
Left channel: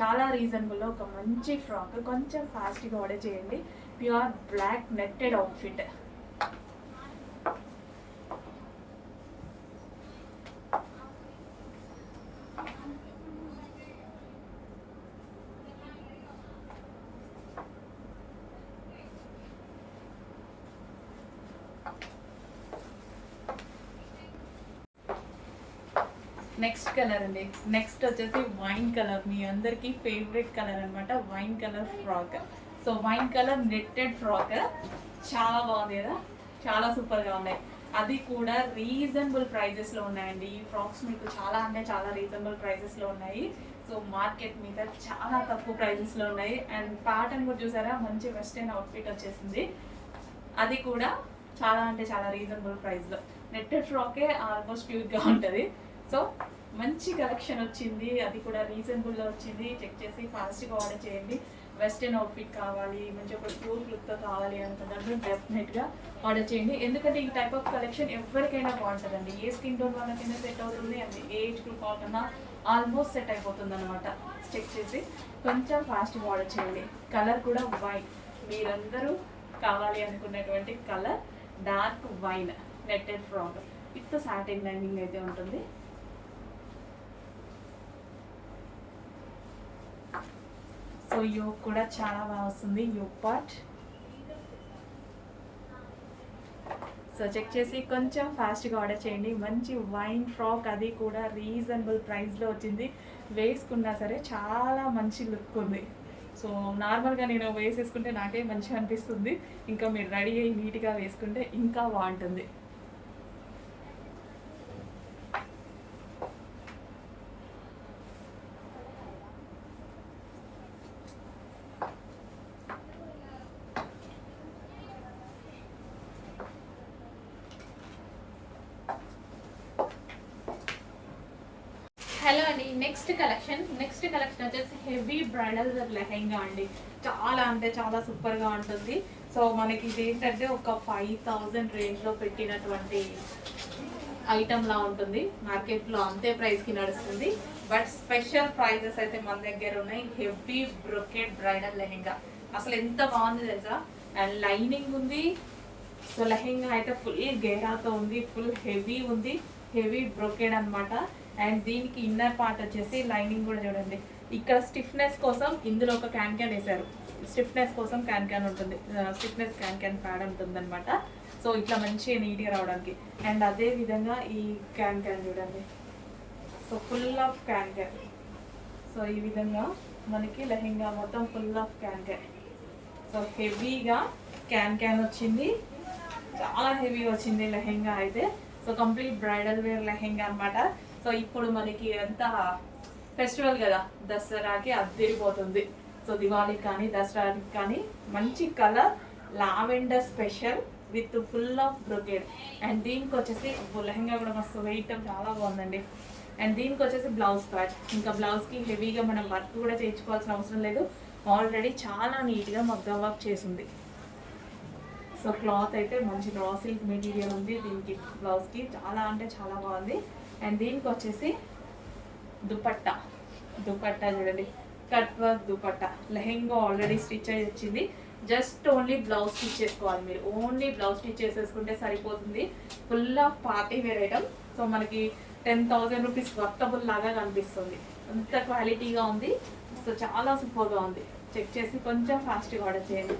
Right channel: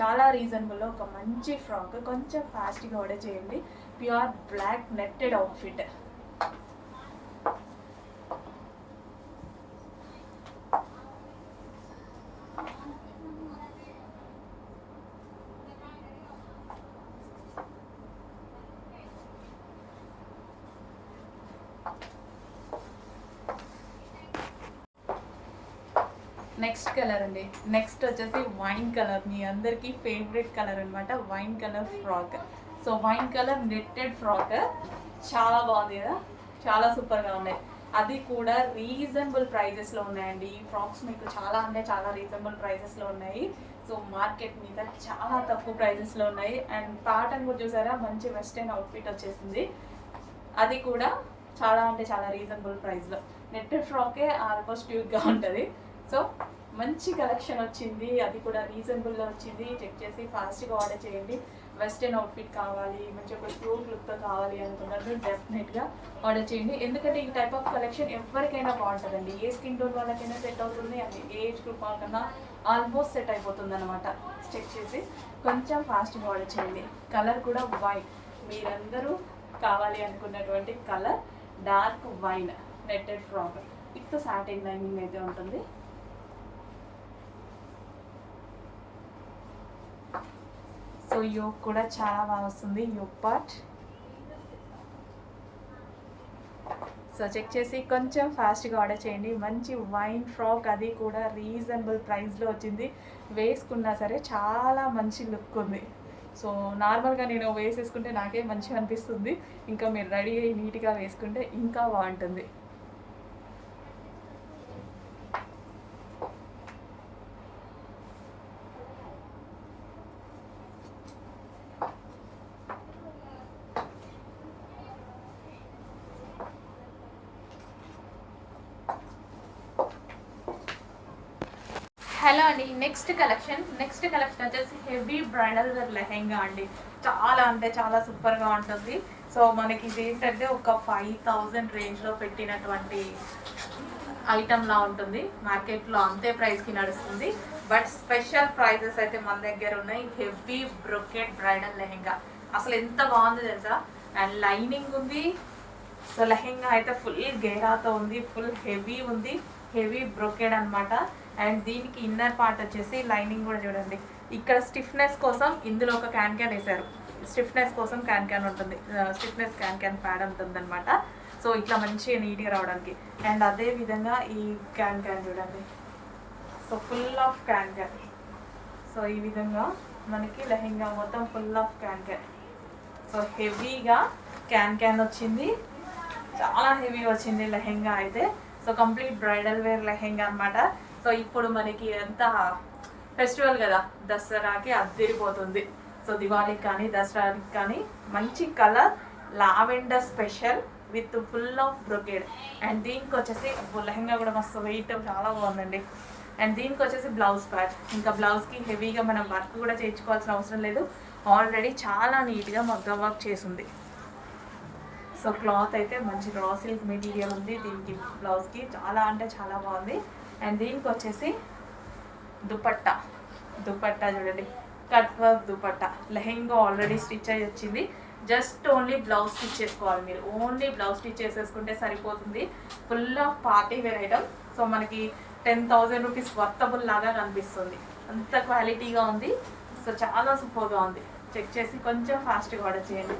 చాలా రీజనబుల్లో ఒక మంచి ఫ్రాక్. కొంచెం ఫాస్ట్గా ఆర్డర్ చేయండి. Pure black netted outfit. Next colour అండి. నెక్స్ట్ వచ్చేసి వైన్ కలర్, మీ అందరికీ ఫేవరెట్ కలర్ అనమాట. Wine colour frock. So wine colour netted frock చాలా బాగుంది కదా, చాలా సూపర్గా ఉన్నాయి. అది కూడా రీజనబుల్ ప్రైజెస్లో ఉన్నాయండి. ఈ ఫ్రాక్స్ మీకు చాలా అంటే చాలా రీజనబుల్ ప్రైజెస్లో ఉన్నాయి. సో మార్కెట్ మీద చాలా తక్కువ ప్రైజెస్లో ఉన్నాయి. అండ్ ప్యాటర్న్ కూడా చూసారా, మంచి వెస్టర్న్ అవుట్ఫిట్ వచ్చేసింది. అది కూడా చాలా అంటే చాలా రీజనబుల్ ప్రైస్లో. నెట్టెడ్ ఫ్రాకే ఆల్మోస్ట్ యూత్గా ఉంటుంది. సో మంచి కలెక్షన్ వచ్చింది, అది కూడా రీజనబుల్లో వచ్చింది. చెక్ చేసి ఫాస్ట్గా ఆర్డర్ చేయండి. వెస్టర్న్ అవుట్ఫిట్ కావాలి, మంచి ఒక క్యూట్ లుక్తో కావాలి అనుకున్నది డెఫినెట్గా ఆర్డర్ చేయండి. ఎందుకంటే ఈ టైప్ ఆఫ్ కలెక్షన్ ఎవరికైనా బాగుంటుందండి. ఏ స్కిన్ టోన్ వాళ్ళకైనా సెట్ అవుతుంది, అది ఏజ్ గ్రూప్ వాళ్ళకన్నా ఆల్మోస్ట్ సెట్ అయిపోతుంది అనమాట. చెక్ చేసి కొంచెం ఫాస్ట్గా ఆర్డర్ చేయండి. కలర్ కూడా వైట్, మీరందరూ కావాలి అనుకున్నటువంటి colour dark wine netted frock with satin lining అయితే ఉంటుంది. సో యోక్ కూడా చాలా బాగా వస్తుంది, యోక్ పార్ట్. సో చెక్ చేసి కొంచెం ఫాస్ట్గా ఆర్డర్ చేయండి. మంచి వైన్ ఫ్రాక్, అది కూడా రీజనబుల్ ప్రైస్లో వచ్చింది. వేసుకున్నా సరే చాలా మంచి లుక్ ఉంది. సో నార్మల్గా నేను వేసేసుకుంటే నాకే మంచిగా అనిపిస్తుంది, ఇంకా మీరు రెడీ అయ్యి నీట్గా వేసుకుంటే ఇంకా బాగుంటుంది. హలో అండి, నెక్స్ట్ కలెక్షన్ వచ్చేసి హెవీ బ్రైడల్ వేర్ లెహెంగా అండి. చాలా అంటే చాలా సూపర్గా ఉంటుంది. సో మనకి ఇది ఏంటంటే ఒక 5000 రేంజ్లో పెట్టినటువంటి ఐటమ్లా ఉంటుంది. మార్కెట్లో అంతే ప్రైస్కి నడుస్తుంది. బట్ స్పెషల్ ప్రైజెస్ అయితే మన దగ్గర ఉన్నాయి. హెవీ బ్రొకెట్ బ్రైడల్ లెహెంగా అసలు ఎంత బాగుంది తెలుసా. అండ్ లైనింగ్ ఉంది. సో లెహెంగా అయితే ఫుల్ గేరాతో ఉంది, ఫుల్ హెవీ ఉంది, హెవీ బ్రొకెడ్ అనమాట. అండ్ దీనికి ఇన్నర్ పార్ట్ వచ్చేసి లైనింగ్ కూడా చూడండి. ఇక్కడ స్టిఫ్నెస్ కోసం ఇందులో ఒక క్యాన్ వేశారు. స్టిఫ్నెస్ కోసం క్యాన్ ఉంటుంది, స్టిఫ్నెస్ క్యాన్ ప్యాడ్ ఉంటుంది అనమాట. సో ఇట్లా మంచిగా నీట్గా రావడానికి. అండ్ అదే విధంగా ఈ క్యాన్ చూడండి. So full of can. So ఈ విధంగా మనకి లెహెంగా మొత్తం ఫుల్ ఆఫ్ క్యాన్. సో హెవీగా క్యాన్ వచ్చింది, చాలా హెవీగా వచ్చింది లెహెంగా అయితే. So complete bridal wear lehenga అనమాట. సో ఇప్పుడు మనకి ఎంత ఫెస్టివల్ కదా, దసరాకి అద్దరిపోతుంది. సో దివాళీకి కానీ దసరాకి కానీ మంచి colour lavender special with full of brocade. And దీనికి వచ్చేసి లెహంగా కూడా మస్తు వెయిట్ చాలా బాగుందండి. అండ్ దీనికి వచ్చేసి బ్లౌజ్ ప్యాచ్. ఇంకా బ్లౌజ్కి హెవీగా మనం వర్క్ కూడా చేయించుకోవాల్సిన అవసరం లేదు, ఆల్రెడీ చాలా నీట్గా మగ్గం వర్క్ చేసింది. సో క్లాత్ అయితే మంచి రా సిల్క్ మెటీరియల్ ఉంది దీనికి. బ్లౌజ్కి చాలా అంటే చాలా బాగుంది. అండ్ దీనికి వచ్చేసి దుపట్టా చూడండి, cut work dupatta. Lehenga already stitch అయ్యి వచ్చింది, జస్ట్ ఓన్లీ బ్లౌజ్ స్టిచ్ చేసుకోవాలి. మీరు ఓన్లీ బ్లౌజ్ స్టిచ్ చేసేసుకుంటే సరిపోతుంది. Full of party wear item. So మనకి 10,000 రూపీస్ వర్తబుల్ లాగా కనిపిస్తుంది, అంత క్వాలిటీగా ఉంది. సో చాలా సూపర్గా ఉంది. చెక్ చేసి కొంచెం ఫాస్ట్గా ఆర్డర్ చేయండి.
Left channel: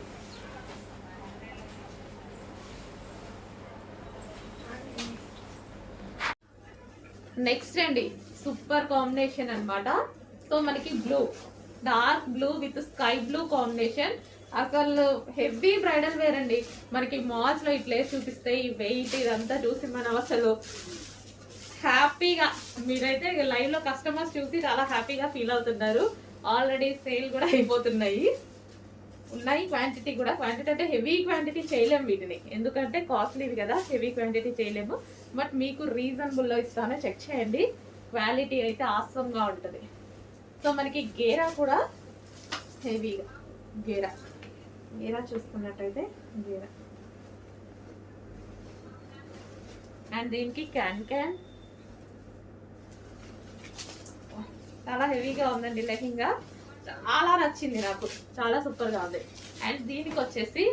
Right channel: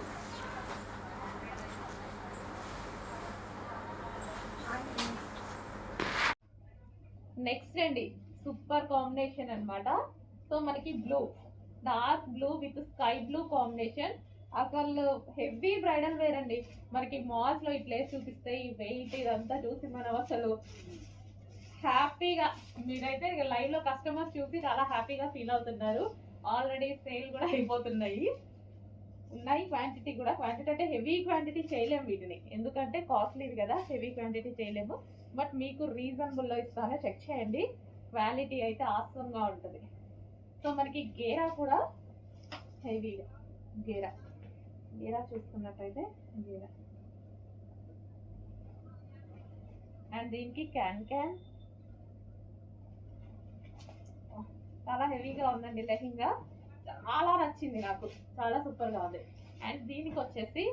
నెక్స్ట్ అండి సూపర్ కాంబినేషన్ అనమాట. సో మనకి blue, dark blue with sky blue combination. అసలు హెవీ బ్రైడల్ వేర్ అండి. మనకి మాల్స్లో ఇట్లే చూపిస్తాయి, వెయిట్ ఇదంతా చూసి మనం అసలు హ్యాపీగా, మీరైతే లైవ్లో కస్టమర్స్ చూసి చాలా హ్యాపీగా ఫీల్ అవుతున్నారు. ఆల్రెడీ సేల్ కూడా అయిపోతున్నాయి, ఉన్నాయి క్వాంటిటీ కూడా. క్వాంటిటీ అంటే హెవీ క్వాంటిటీ చేయలేము వీటిని, ఎందుకంటే కాస్ట్లీవి కదా, హెవీ క్వాంటిటీ చేయలేము. బట్ మీకు రీజనబుల్లో ఇస్తాను, చెక్ చేయండి. క్వాలిటీ అయితే ఆసంగా ఉంటుంది. సో మనకి గేరా కూడా హెవీగా, గేరా చూసుకున్నట్టయితే గేరా. అండ్ దీనికి క్యాన్ చాలా హెవీగా ఉందండి లెహంగా. చాలా నచ్చింది నాకు, చాలా సూపర్గా ఉంది. అండ్ దీనికి వచ్చేసి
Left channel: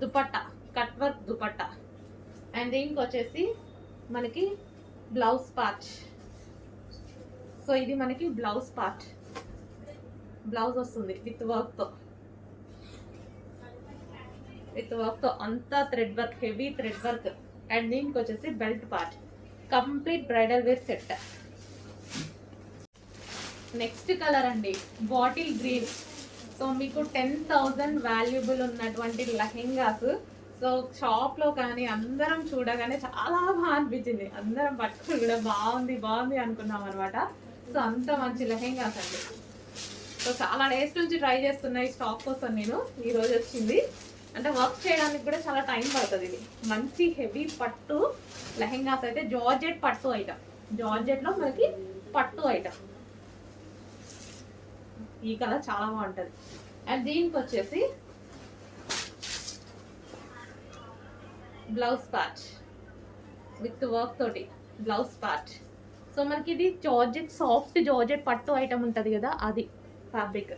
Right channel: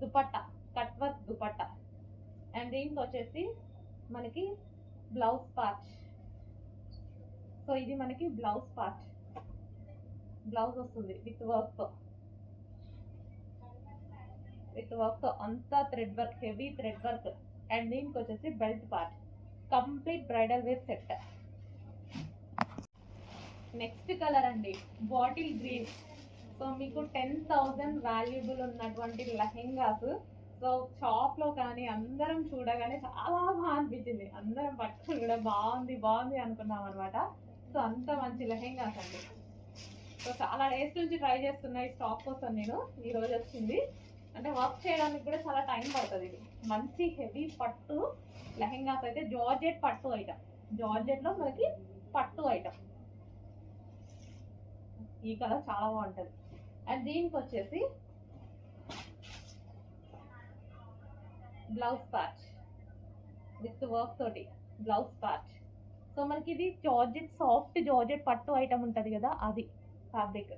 dupatta, cut work dupatta. And దీనికి వచ్చేసి మనకి బ్లౌజ్ పార్ట్. సో ఇది మనకి బ్లౌజ్ పార్ట్, బ్లౌజ్ వస్తుంది విత్ వర్క్తో అంతా thread work, heavy thread work. And దీనికి వచ్చేసి belt part, complete bridal wear set. Next colour అండి బాటిల్ గ్రీన్. సో మీకు 10,000 వాల్యుబుల్ ఉన్నటువంటి లెహెంగాస్. సో షాప్లో కానీ అందరం చూడగానే చాలా బాగా అనిపించింది. అందరం పట్టుకుని కూడా బాగుంది బాగుంది అనుకున్నాం అనమాట. సో అంత మంచి లెహెంగాస్ అండి. సో చాలా డేస్ నుంచి ట్రై చేస్తున్నా ఈ స్టాక్ కోసం నేను. ఈరోజు వచ్చింది. అంటే వర్క్ చేయడానికి కూడా చాలా టైం పడుతుంది. ఇది మంచి హెవీ పట్టు లెహెంగాస్ అయితే జార్జెట్ పట్టు ఐటమ్. జార్జెట్లో మనకి పట్టు ఐటమ్. ఈ కలర్ చాలా బాగుంటుంది. అండ్ దీనికి వచ్చేసి బ్లౌజ్ పార్ట్ విత్ వర్క్ తోటి బ్లౌజ్ పార్ట్. సో మనకి ఇది జార్జెట్, సాఫ్ట్ జార్జెట్ పట్టు ఐటమ్ ఉంటుంది కదా, అది ఫ్యాబ్రిక్.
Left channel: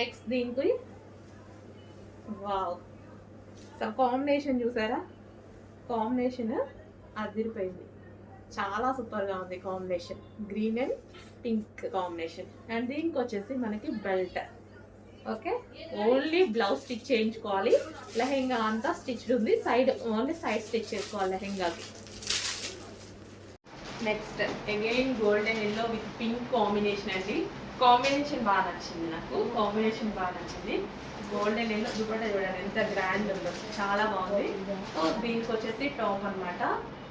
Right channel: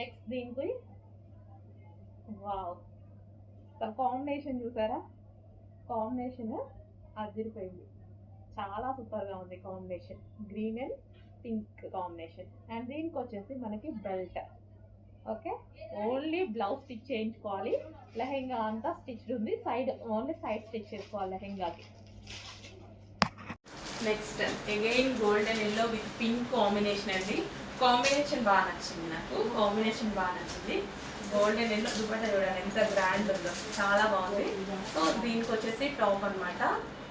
నెక్స్ట్ దీనికి వావ్, సో కాంబినేషన్ చూసారా? కాంబినేషన్ అదిరిపోయింది. చాలా సూపర్గా ఉంది combination. Green and pink combination. And దీనికి వచ్చేసి మనకి belt. Okay, only blouse stitch చేయించుకోవాలి. లెహెంగా అంతా స్టిచ్డ్ ఉంది. సైడ్ ఓన్లీ సైడ్ స్టిచ్ చేసుకోవాలి లెహెంగాకి. Next again golden yellow with pink combination అండి. కాంబినేషన్ బాగా నచ్చింది నాకు. కాంబినేషన్ బాగా నచ్చింది. గోల్డెన్ ఎల్లో దుపట్టా చూడండి ఎంత గ్రాండ్ ఉందో, చాలా బాగుంది. సో దీనికి వచ్చేసి టాప్ అనమాట.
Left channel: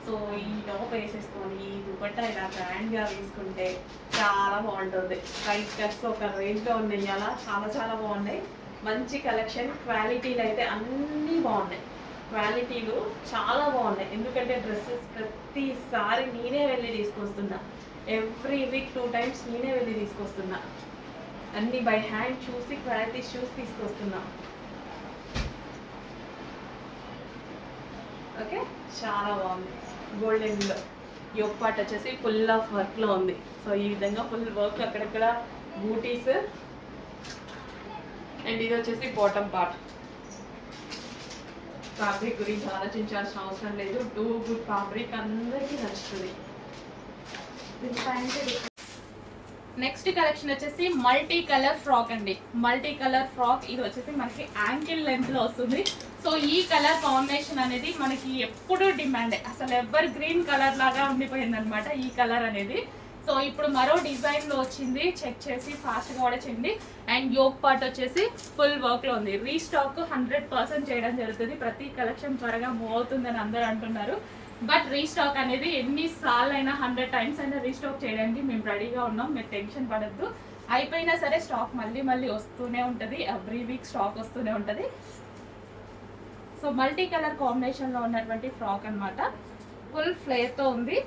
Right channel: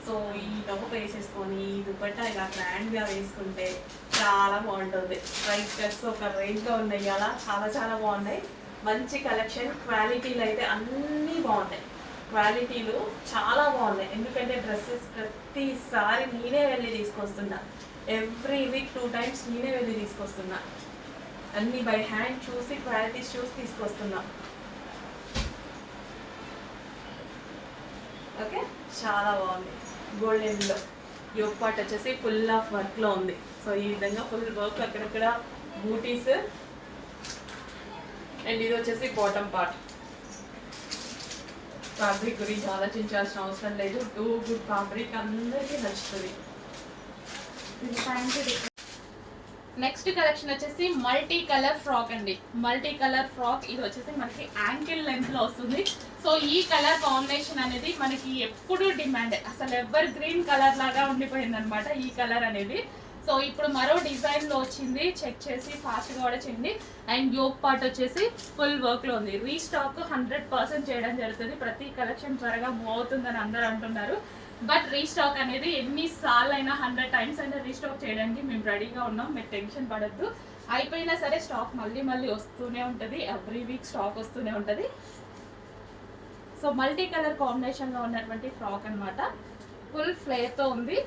సో ఈ టాప్ వేసేసుకొని ఈ దుపట్టా ఇలా గ్రాండ్గా వేసుకుంటే చాలా బాగుంటుంది. ప్రైస్ డ్రెస్ ఒక రేంజ్లో ఉన్నాయి. అలా చాలా చాలా బాగున్నాయి. మంచి కలెక్షన్. క్వాలిటీలు అయితే అన్నీ బాగున్నాయి. క్వాలిటీలు చాలా బాగున్నాయి. ఎందుకంటే డ్రెస్సెస్ ప్రతిసారి నేనే వెళ్ళి తీసుకొస్తున్నా. ఎవ్రీ వీక్ 2 times నేనే వెళ్ళి తీసుకొస్తున్నా. అన్నీ బై హ్యాండ్ చూసి క్వాలిటీస్ చూసి తీసుకొస్తున్నా. ఓకే, చాలా బాగుంది. గోల్డెన్లో యోగ్ పార్ట్ వచ్చేసి ఫుల్ ఆఫ్ వర్క్లో ఉంది. సో ఈ విధంగా ఫుల్ వర్క్ అక్కడక్కడ బూటీస్. అండ్ ఇది వచ్చేసి బాటమ్ పార్ట్. ఫ్యాబ్రిక్ గురించి ఆలోచించాల్సిన అవసరం లేదు. టూ గుడ్ ఫ్యాబ్రిక్, అందరికీ నచ్చుతుంది. నెక్స్ట్ కలెక్షన్ వచ్చేసి మల్టీ కలర్ ఫ్రాక్ అండి. Multi colour frock. ఇది వచ్చేసి మనకి యాంకిల్ లెంత్ లో వస్తుంది. సో ఈ కలర్ కాంబినేషన్ అనేది మనకి ఎప్పుడు డిమాండ్. అసలు ఎవర్ గ్రీన్ కలర్ లాగా ఉండిపోయింది అనమాట ఈ కలర్ అనేది. సో ఇప్పుడు మరో డిజైన్ లో వచ్చింది. చెక్ చేసి ఫాస్ట్ గా ఆర్డర్ చేయండి. అండ్ యోగ్ పార్ట్ వచ్చేసి ఫుల్ వర్క్ లో ఉంది. రీస్టాక్ 100% చేయడం జరుగుతుంది. ప్రతి కలెక్షన్ త్వరగా మూవ్ అవుతుందని అందరూ అంటున్నారు. బట్ రీస్టాక్ అనేది ఎన్నిసార్లు అయినా 100 times అయినా రీస్టాక్ చేయడానికి మేము రెడీగా ఉన్నాం. మీరు టెన్షన్ పడద్దు. అయిపోయినా సరే స్టాక్ మళ్ళీ మళ్ళీ వస్తూనే ఉంటుంది. ఎవ్రీ వీక్ స్టాక్ వస్తూనే ఉంటుంది. సో మల్టీ కలర్ కాంబినేషన్లో ఉన్నటువంటి ఫ్రాక్ అనమాట. ఫుల్ ఫ్లేర్తో ఉంది.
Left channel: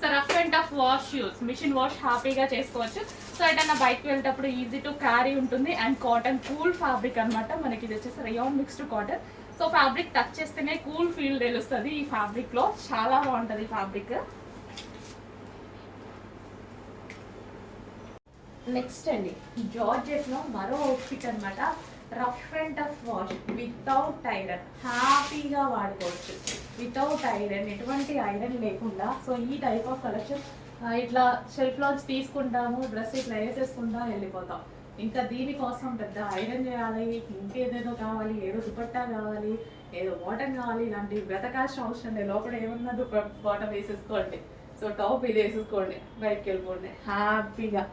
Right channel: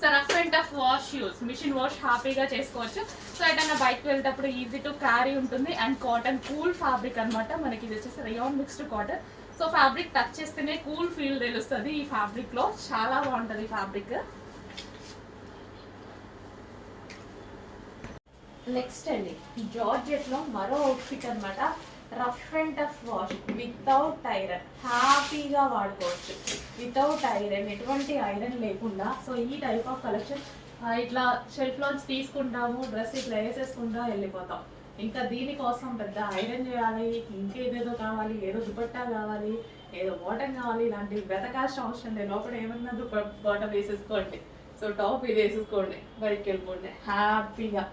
So rough and tough wash use, machine wash హ్యాపీగా చేసుకోవచ్చు. సో ఎటన్నా బయటకు వెళ్ళేటప్పుడు ఈజీ టు క్యారీ ఉంటుంది. అండ్ కాటన్ కూల్ ఫ్యాబ్రిక్ అనమాట. మనకి ఇది వచ్చేసి rayon mixed cotton. So fabric touch చేస్తేనే కూల్ ఫీల్ తెలుస్తుంది ఈ ఫ్యాబ్రిక్ లో. చాలా బాగుంటుంది ఫ్యాబ్రిక్. నెక్స్ట్ అండి జార్జెట్ లో మరో అవుట్ఫిట్ అనమాట. Rough and tough wash without iron, హ్యాపీగా వాడుకోవచ్చు వితౌట్ ఐరన్, ఎటువంటి ఐరన్ లేకుండా. సో ఈ టైప్ ఆఫ్ కలెక్షన్ ఇట్లా షెల్ఫ్ లోంచి తీసుకుంటాము, డ్రెస్ ఇట్లా వేసేసుకుంటా వెళ్ళిపోతాం. ఇంకా దీనికోసం పెద్ద ఐరన్ చేయాలి, ఇంకేదేదో కావాలి, ఏదో దుపట్టా కావాలి, ఏదో బాటమ్ కావాలి, ఇలాంటివి వెతకాల్సిన అవసరం లేదు. లోపల ఏమన్నా బాటమ్ వేసేసుకోండి. సో టాప్ ఇది వేసేసుకోండి, బయటకు వెళ్ళిపోండి హ్యాపీగా.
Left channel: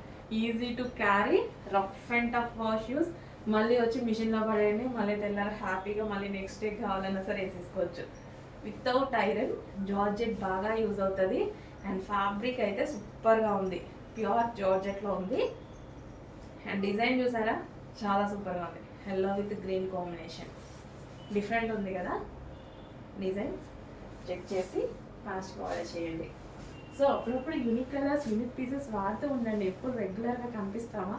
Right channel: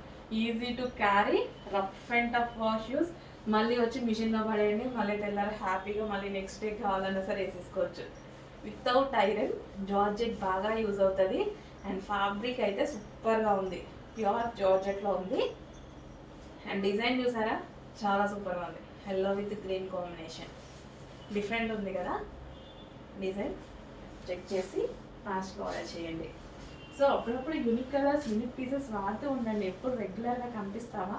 Easy to carry, rough and tough wash use. మళ్ళీ వచ్చి మిషన్లో పడేయండి, మళ్ళీ తెల్లారి హ్యాపీగా మళ్ళీ నెక్స్ట్ డే కావాలన్నా సరే వేసేసుకోవచ్చు వితౌట్ ఐరన్. జార్జెట్ బాగా యూజ్ అవుతుంది. అండ్ ఫ్యాబ్రిక్ అయితే సూపర్గా ఉంది. ప్యూర్ జార్జెట్లో ఉంది. అండ్ డిజైన్ చూసారా, చాలా సూపర్గా ఉంది. Yellow with green combination different ఉంది కదా డిజైన్. చెక్ చేసి ఫాస్ట్గా ఆర్డర్ చేయండి. సో అప్పుడప్పుడు యూనిక్ కలర్స్, యూనిక్ పీసెస్ వాడుతూ ఉండండి. ఎప్పుడు రెగ్యులర్గా కనిపిస్తామా?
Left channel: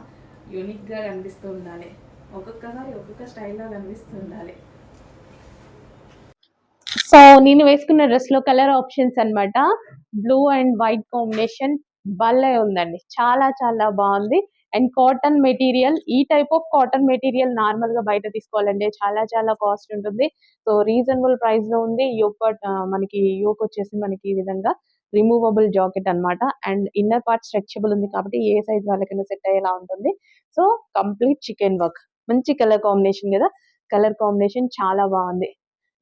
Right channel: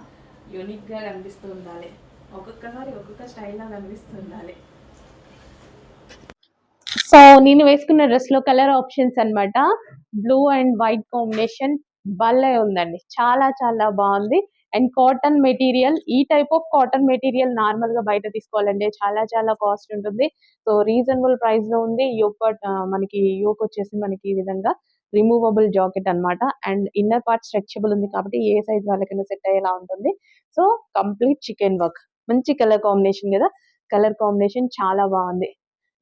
యూనిక్గా కనిపిస్తూ ఉండాలి. ఒక్కొక్కసారి ఒక్కొక్క స్టైల్లో కనిపిస్తూ ఉండాలి. సో నేను వేసుకున్న డ్రెస్ లో కలర్ ఆప్షన్స్ అన్నమాట. బ్లూ అండ్ వైట్ కాంబినేషన్ భలే ఉందండి. చాలా చాలా బాగుంది. And cotton material. ఈ type of cotton material normal గా బయట తీసుకోవాలంటే చాలా చాలా కాస్ట్ ఉంటుంది. సో రీజనబుల్ ప్రైస్ లో ఉంది. మనకి యోక్ వచ్చేసి మనకి ఈ విధంగా రిమూవబుల్ జాకెట్ అన్నమాట. అండ్ ఇన్నర్ పార్ట్ స్ట్రెచబుల్ ఉంది కాబట్టి ఏ సైజ్ వాళ్ళకైనా సెట్ అయ్యేలా ఉంటుంది. So complete chicken work. మంచి కలర్ కాంబినేషన్ కదా. కలర్ కాంబినేషన్ చాలా బాగుంది.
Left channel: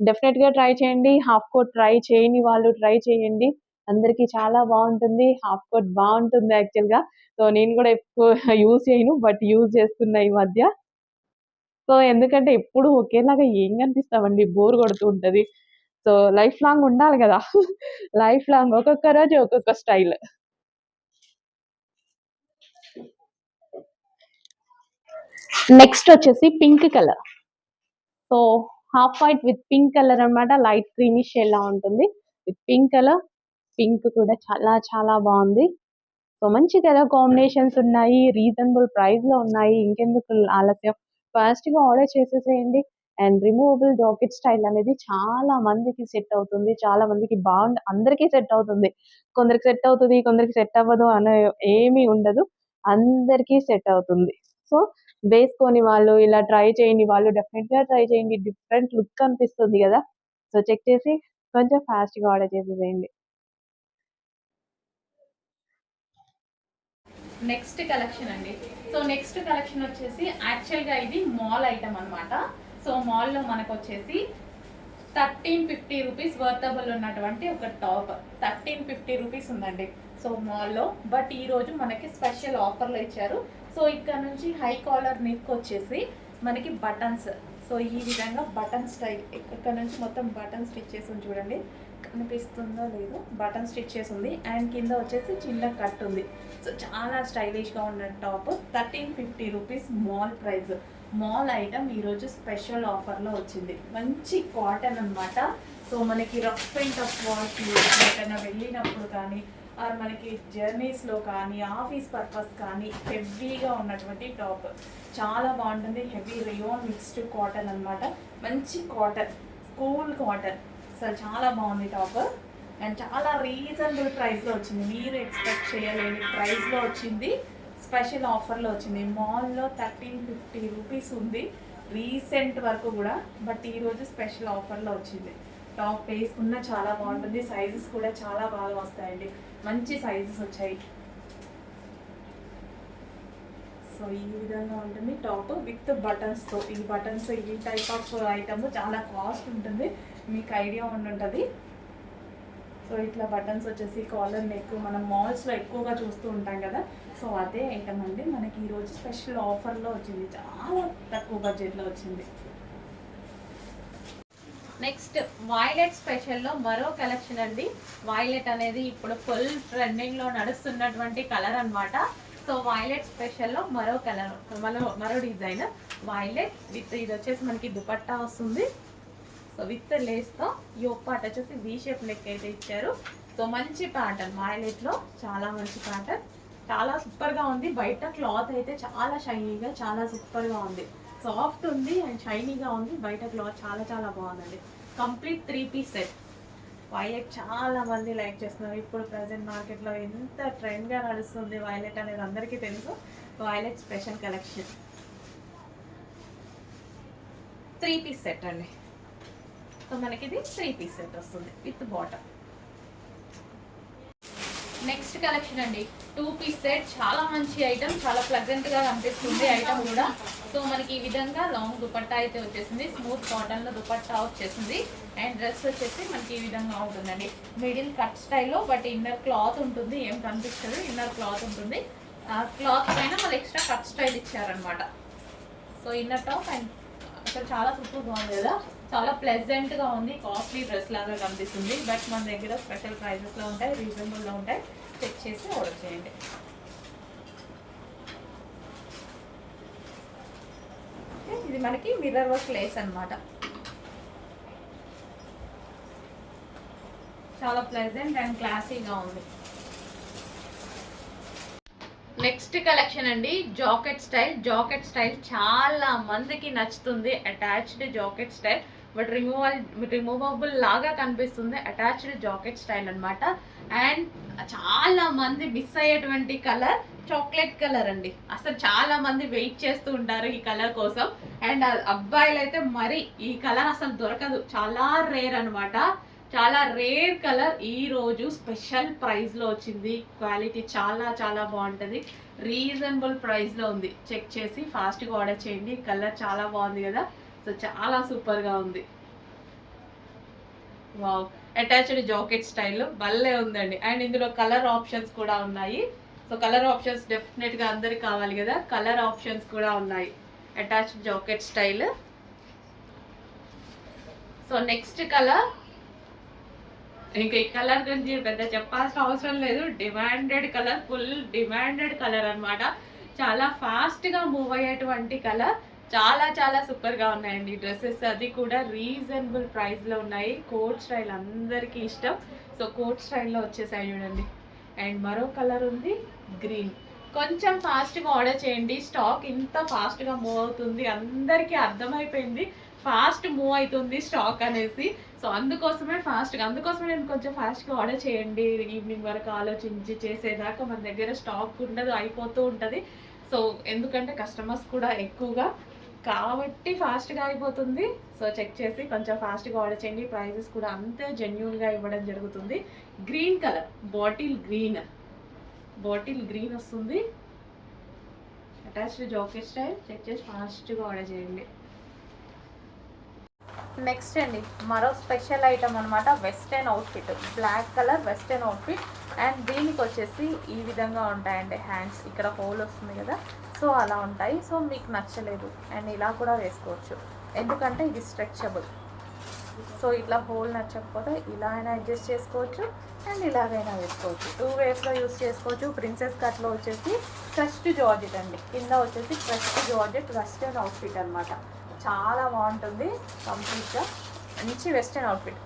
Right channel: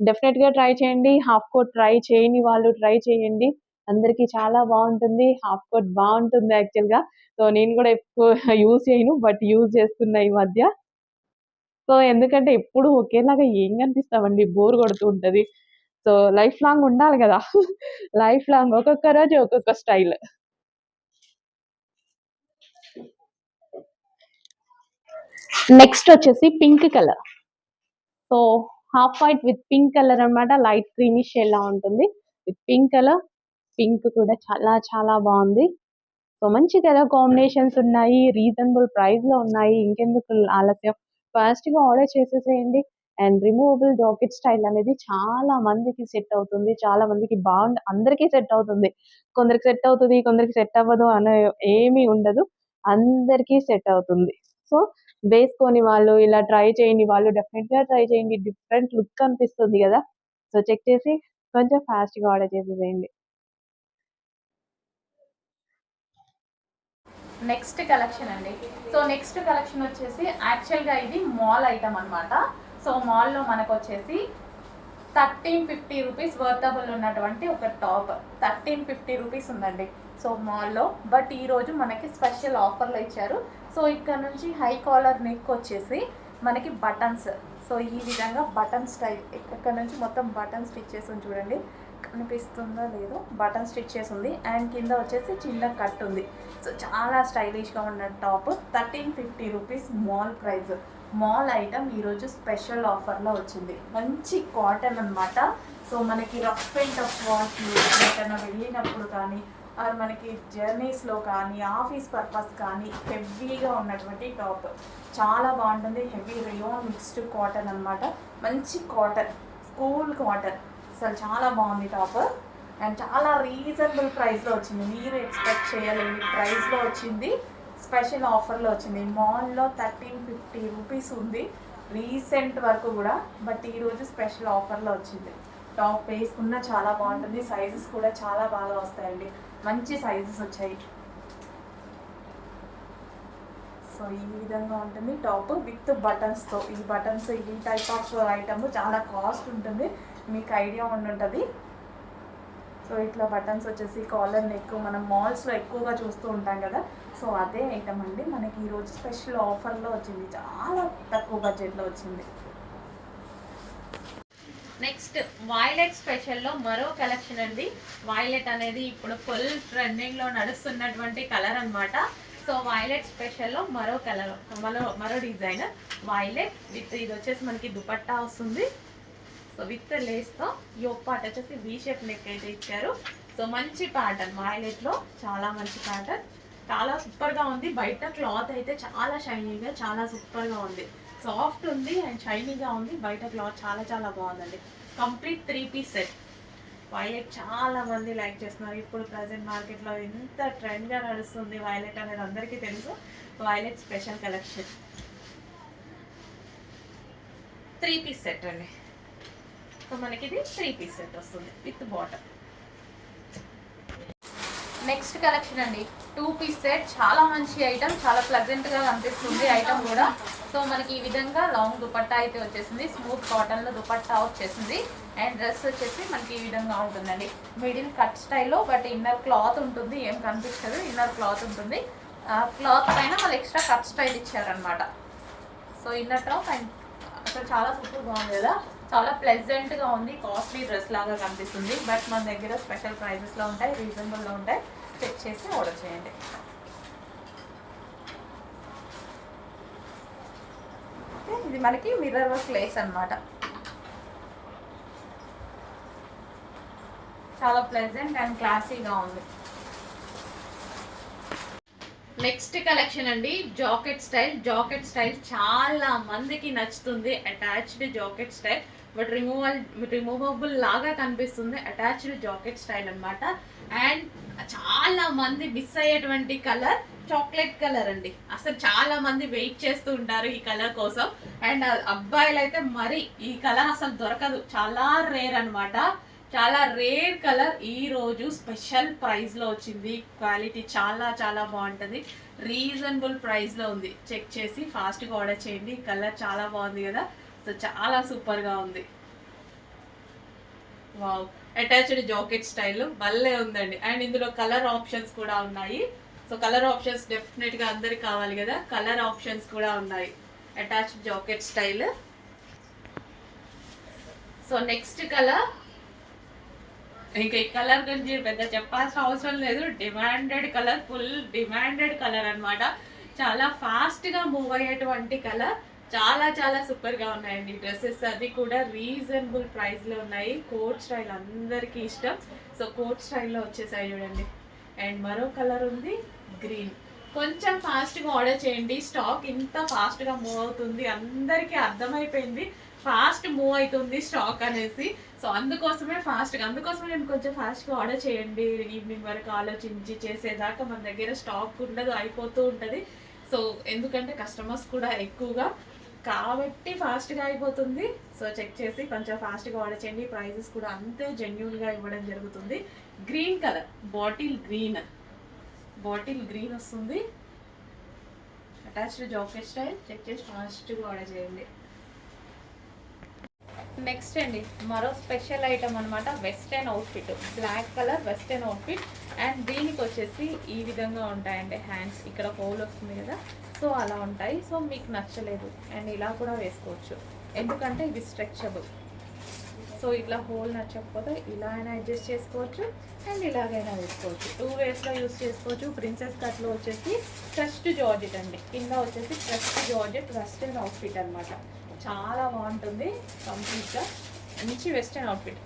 డెఫినెట్ గా ట్రై చేయండి. హాఫ్ కోట్ ట్రై చేయని వాళ్ళు ట్రై చేయండి. అందరికి చాలా బాగుంటుంది. హాఫ్ కోట్ బాగుంటుంది యాక్చువల్ గా. సో నేను కూడా ఎక్కువ యూజ్ చేయను, బట్ యూజ్ చేస్తున్నా ఈ మధ్య. సో, ఎందుకంటే ఎప్పుడు ఒకేలాగా ఏం కనిపిస్తామండి. బోర్ కొడుతూ ఉంటది. సో, లైఫ్ లాంగ్ ఉండాలి గదా! లైఫ్ లాంగ్ ఒక్కొక్క రోజు ఒక్కొక్క స్టైల్. నెక్స్ట్ వచ్చేసి pink colour. So, half white with pink colour అన్నమాట. లైట్ క్రీమిష్ షేడ్‌లా ఉంటుంది. With pink colour. పింక్ కూడా చాలా చాలా బావుంది. సో, మంచి కలర్ కాంబినేషన్స్ ఉన్నాయి. రీజనబుల్ ప్రైస్‌లో ఉన్నాయి. ఇంకెందుకు ఆలస్యం ఫాస్ట్‌గా ఆర్డర్ చేసేసేయండి. అండ్ రిమూవబుల్ జాకెట్ స్టైల్ అనేది చాలా మందికి సెట్ అవుతుంది. చాలా మందికి అందరికీ సెట్ అవుతుంది. కొందరికి సెట్ అవుతది, కొందరికి సెట్ అవ్వదు అనే ఏమీ ఉండదు. అందరికీ సెట్ అవుతుంది. సో, వేసుకొని వాళ్ళు ఇలా ట్రై చేయని వాళ్ళు డెఫినిట్‌గా ట్రై చేయండి. డిఫరెంట్ లుక్ అనిపిస్తుంది గదా! సో, చెక్ చేసి కొంచెం ఫాస్ట్‌గా ఆర్డర్ చేసేసేయండి. నెక్స్ట్ కలెక్షన్ అండి. సో నెక్స్ట్ కలెక్షన్ వచ్చేసి యాక్చువల్గా ఇది మాల్ ఐటమ్ అనమాట. సో మాల్లో మనకు వచ్చేసి 1350 రూపీస్ వర్తబుల్ ఉన్నటువంటి ఒక టాప్ 1350 రూపీస్ ఉందండి. సో మాల్లో బట్ ఈరోజు మనకి స్పెషల్ ఆఫర్లో ఇచ్చారు. సో ఇక్కడ నుంచి హై కాలర్ నెక్ వచ్చేసి మనకి బటన్స్. సో ఈ విధంగా బటన్ స్టైల్ ఇక్కడ నుంచి మొత్తం బటన్ స్టిచ్ చేసి చూడండి, కనిపిస్తుందో లేదో, బటన్ స్టిచ్ చేసి ఉంది. అండ్ కింద వచ్చేసి చిన్న కట్ ఉంది. సో చాలా స్టైలిష్గా ఉన్న top 1350 rupees mall price. Mall item ఈరోజు స్పెషల్ ఆఫర్లో వచ్చింది. మంచి కాటన్ అనమాట. సో మనకి రఫ్ అండ్ టఫ్ వాష్లు ఎక్కడైనా వెళ్ళినప్పుడు కానీ ఆర్ మనకి జర్నీస్లో కానీ ఆఫీస్ పర్పస్ కానీ హెవీగా ఉన్నటువంటి టాప్ చాలా బాగుంటుంది. హెవీ రియోన్ మిక్స్డ్ కాటన్ అనమాట. మంచి కాటన్, కూల్ కాటన్. అసలు చాలా బాగుంది టాప్. అండ్ చాలా రీజనబుల్ ప్రైస్లో వచ్చింది. మీరు ఎక్స్పెక్ట్ చేయలేని ప్రైస్లో వచ్చింది. స్పెషల్ ఆఫర్లో వచ్చింది. మాల్లో 1350 రూపీస్ ఉంది రీసెంట్ వరకు కూడా, బట్ ఈరోజు స్పెషల్ ఆఫర్లో వచ్చింది. టాప్ వేసుకున్న చాలా బాగుంటుంది. సైజెస్ కూడా చాలా బాగా వస్తాయండి. మంచి సైజెస్ వచ్చాయి. సో ఈ విధంగా ఉంటుంది టాప్ విత్ బటన్స్తో. ఈ బటన్స్ ఈ టైప్ ఆఫ్ ఐటమ్ చాలా కాస్ట్ ఉంటుంది, మీకు ఐడియా ఉండుంటుంది. సో ఇట్లా బటన్స్ వచ్చేసి కాలర్ నెక్ మనం మాల్స్లో ఎక్కువగా చూస్తూ ఉంటాం కదా. సో అదే ఐటమ్ అండి మనకి ఈరోజు స్పెషల్ ఆఫర్లో వచ్చింది. చాలా తక్కువ బడ్జెట్లో వచ్చింది. నెక్స్ట్ వైలెట్ స్పెషల్లో మరో కలెక్షన్ అండి. వైలెట్ అనేది ఇప్పుడు ఫుల్ ట్రెండింగ్లో నడుస్తున్నటువంటి కలర్ అనమాట. సో వైలెట్ స్పెషల్లో మరో కలర్, మరో డిజైన్ వైలెట్ విత్ ఇది వచ్చేసి మనకి దుపట్టా వస్తుంది. సో విత్ లేస్తో యోక్ పార్ట్ వచ్చేసి వీ షేప్ నెక్ అయితే ఇచ్చారు. సో మంచి ప్యాటర్న్ వైలెట్లో, చాలా మంచి ప్యాటర్న్, చాలా సూపర్గా ఉంది. బయట క్లాత్ అయితే చాలా షైనీగా, చాలా సూపర్గా ఉంది. సాఫ్ట్ ఉంది అండ్ షైనీగా ఉంది. బయట క్లాత్ చాలా చాలా బాగుందండి. Complete 3 piece set. వైలెట్ చాలా మంది లైక్ చేస్తున్నారు. ఇప్పుడు ప్రజెంట్ మార్కెట్లో ఎంత ట్రెండ్గా నడుస్తుంది వైలెట్ అనేది అందరికీ తెలుసు. Violet special collection 3 piece set అండి. సో మనకి ఇది 3 పీస్ సెట్ వస్తుంది విత్ బాటమ్. నెక్స్ట్ కలెక్షన్ అండి 2 పీస్ సెట్. చాలా మంచి ఐటమ్, చాలా ప్లెజెంట్గా కనిపిస్తుంది ఐటమ్ కూడా. సో మనకి ఈ విధంగా లాంగ్ దుపట్టా అయితే వచ్చేసింది. స్మూత్ కాటన్లో దుపట్టా వచ్చేసింది. అండ్ డ్రెస్ వచ్చేసి మనకి ఈ విధంగా ఉంటుందండి. మిడిల్ కట్ స్టైల్లో, బట్ ఇన్నర్ క్లాత్ ఉంటుంది, ఏం కనిపిస్తుంది, ఇన్నర్ క్లాత్ ఉంటుంది. క్లాత్ పైన వాళ్ళు ఎక్స్ట్రా కట్ స్టైల్ ఇచ్చారనమాట. సో ఇన్నర్ టాప్ అండ్ అసలు చాలా సూపర్గా ఉంది కదా, చాలా ప్లెజెంట్గా ఉంది. కాస్ట్లీ డ్రెస్ లాగా కనిపిస్తుంది, బట్ మన దగ్గర స్పెషల్ ప్రైజెస్లో ఉంటాయి, రీజనబుల్లో ఉంటాయి. చెక్ చేసి ఆర్డర్ చేయండి. ఇది మనకి మిర్రర్ వర్క్ లేస్ అనమాట. చాలా ప్లెజెంట్ అండ్ క్లాసీగా ఉంది. నెక్స్ట్ కలెక్షన్ అండి జాకెట్ స్టైల్. జాకెట్ స్టైల్ చాలా మందికి నచ్చుతుంది. Attached jacket style, but removable లాగా కనిపిస్తుంది. అటాచ్డ్ జాకెట్ స్టైల్ అనమాట. అండ్ చాలా మంది మిస్ అయ్యేటువంటి కలర్ చాక్లెట్ కలర్ అండి. అసలు చాలా మంది వెయిట్ చేస్తూ ఉంటారు ఈ కలర్ కోసం. అండ్ అబ్బాయిలు అయితే మరి ఈ కలర్ అసలు దొరకదు, చాలా రేర్ అనమాట. చాలా రేర్ కలర్. ఈ రోజు స్పెషల్ ప్రైస్ లో వచ్చింది. క్వాలిటీ చాలా చాలా బాగుంటుంది. రీజనబుల్ ప్రైస్ లో ఉంది. చెక్ చేసి ఫాస్ట్ గా ఆర్డర్ చేయండి. కలర్ చాలా బాగుంది కదా, సో చాలా సూపర్ గా ఉంది. వావ్, అటాచ్డ్ జాకెట్ స్టైల్ భలే ఉందండి. అండ్ ఇందులో కలర్ ఆప్షన్స్ కూడా ఉన్నాయి. సో కలర్ ఆప్షన్స్ డెఫినెట్ గా అందరికి కావాలి కదా, కలర్ ఆప్షన్స్ కూడా ఉన్నాయి. Attached jacket style. So next colour, ఇంకా ఈ కలర్ గురించి పెద్ద చెప్పాల్సిన అవసరం లేదు. Demanded colour, full demanded colour అన్నమాట. చాలా ఫాస్ట్గా మూవ్ అయ్యేటువంటి కలర్. చాలా చాలా సూపర్గా ఉన్నాయండి డ్రెస్సెస్. అది కూడా రీజనబుల్ ప్రైస్లో ఉన్నాయి. కోట్ స్టైల్ అందరికీ ఇష్టం. సో కోట్ స్టైల్లో వచ్చేసాయి చూడండి. అండ్ మరో కలర్ ఉంది గ్రీన్. కొంచెం ఫాస్ట్గా ఆర్డర్ చేయండి. స్టాక్ ఇంత ఫాస్ట్గా మూవ్ అవుతుంది, అందరికీ అర్థమైపోయింది ఫాస్ట్ మూవ్ అవుతుంది స్టాక్ అనేసి. సో అందుకోసమే నేను కొంచెం ఫాస్ట్గా ఆర్డర్ చేయండి. ఈవినింగ్ వరకు ఆలోచించి చేసేదాకా మన దగ్గర స్టాక్ ఉండదు, అయిపోతూ ఉంటుంది. సో ఎందుకంటే కస్టమర్స్ కూడా ఎక్కువగా కాబట్టి ఫాస్ట్గా అయిపోతుంది. సో చెక్ చేసి కొంచెం ఫాస్ట్గా ఆర్డర్ చేయండి. ప్రైజెస్ కూడా అంతే జెన్యూన్గా ఇవ్వడం జరుగుతుంది. గ్రీన్ కలర్, బాటిల్ గ్రీన్ వస్తుంది. Attached jacket style. చెక్ చేసి ఫాస్ట్గా ఆర్డర్ చేయండి. నెక్స్ట్ అండి మరో స్పెషల్ ఐటమ్ అనమాట, western outfit. Black colour western outfit. And దీనికి వచ్చేసి ఈ విధంగా ఉంటాయండి హ్యాండ్స్. ఇక్కడ హోల్ వస్తుంది కదా, సో అలా ఉంటాయి. సో మీకు నచ్చలేదు అండ్ ఇలా కూడా వేసుకోవచ్చు, ఎందుకంటే ఇది స్ట్రెచబుల్. సో ఇట్లా హోల్ నచ్చకపోతే ఇలా అయినా అడ్జస్ట్ చేసుకోవచ్చు అండ్ ఇలాగైనా వేసుకోవచ్చు. 2 వేస్లో యూస్ చేసుకోవచ్చు. ప్రిన్సెస్ కట్లో వచ్చేసి క్రస్ట్ జార్జెట్ అండి, కింద వచ్చేసి క్రస్ట్ జార్జెట్ వెస్టర్న్ అవుట్ఫిట్ అనమాట. చాలా బాగుంటుంది, కంప్లీట్గా మంచి వెస్టర్న్ అవుట్ఫిట్.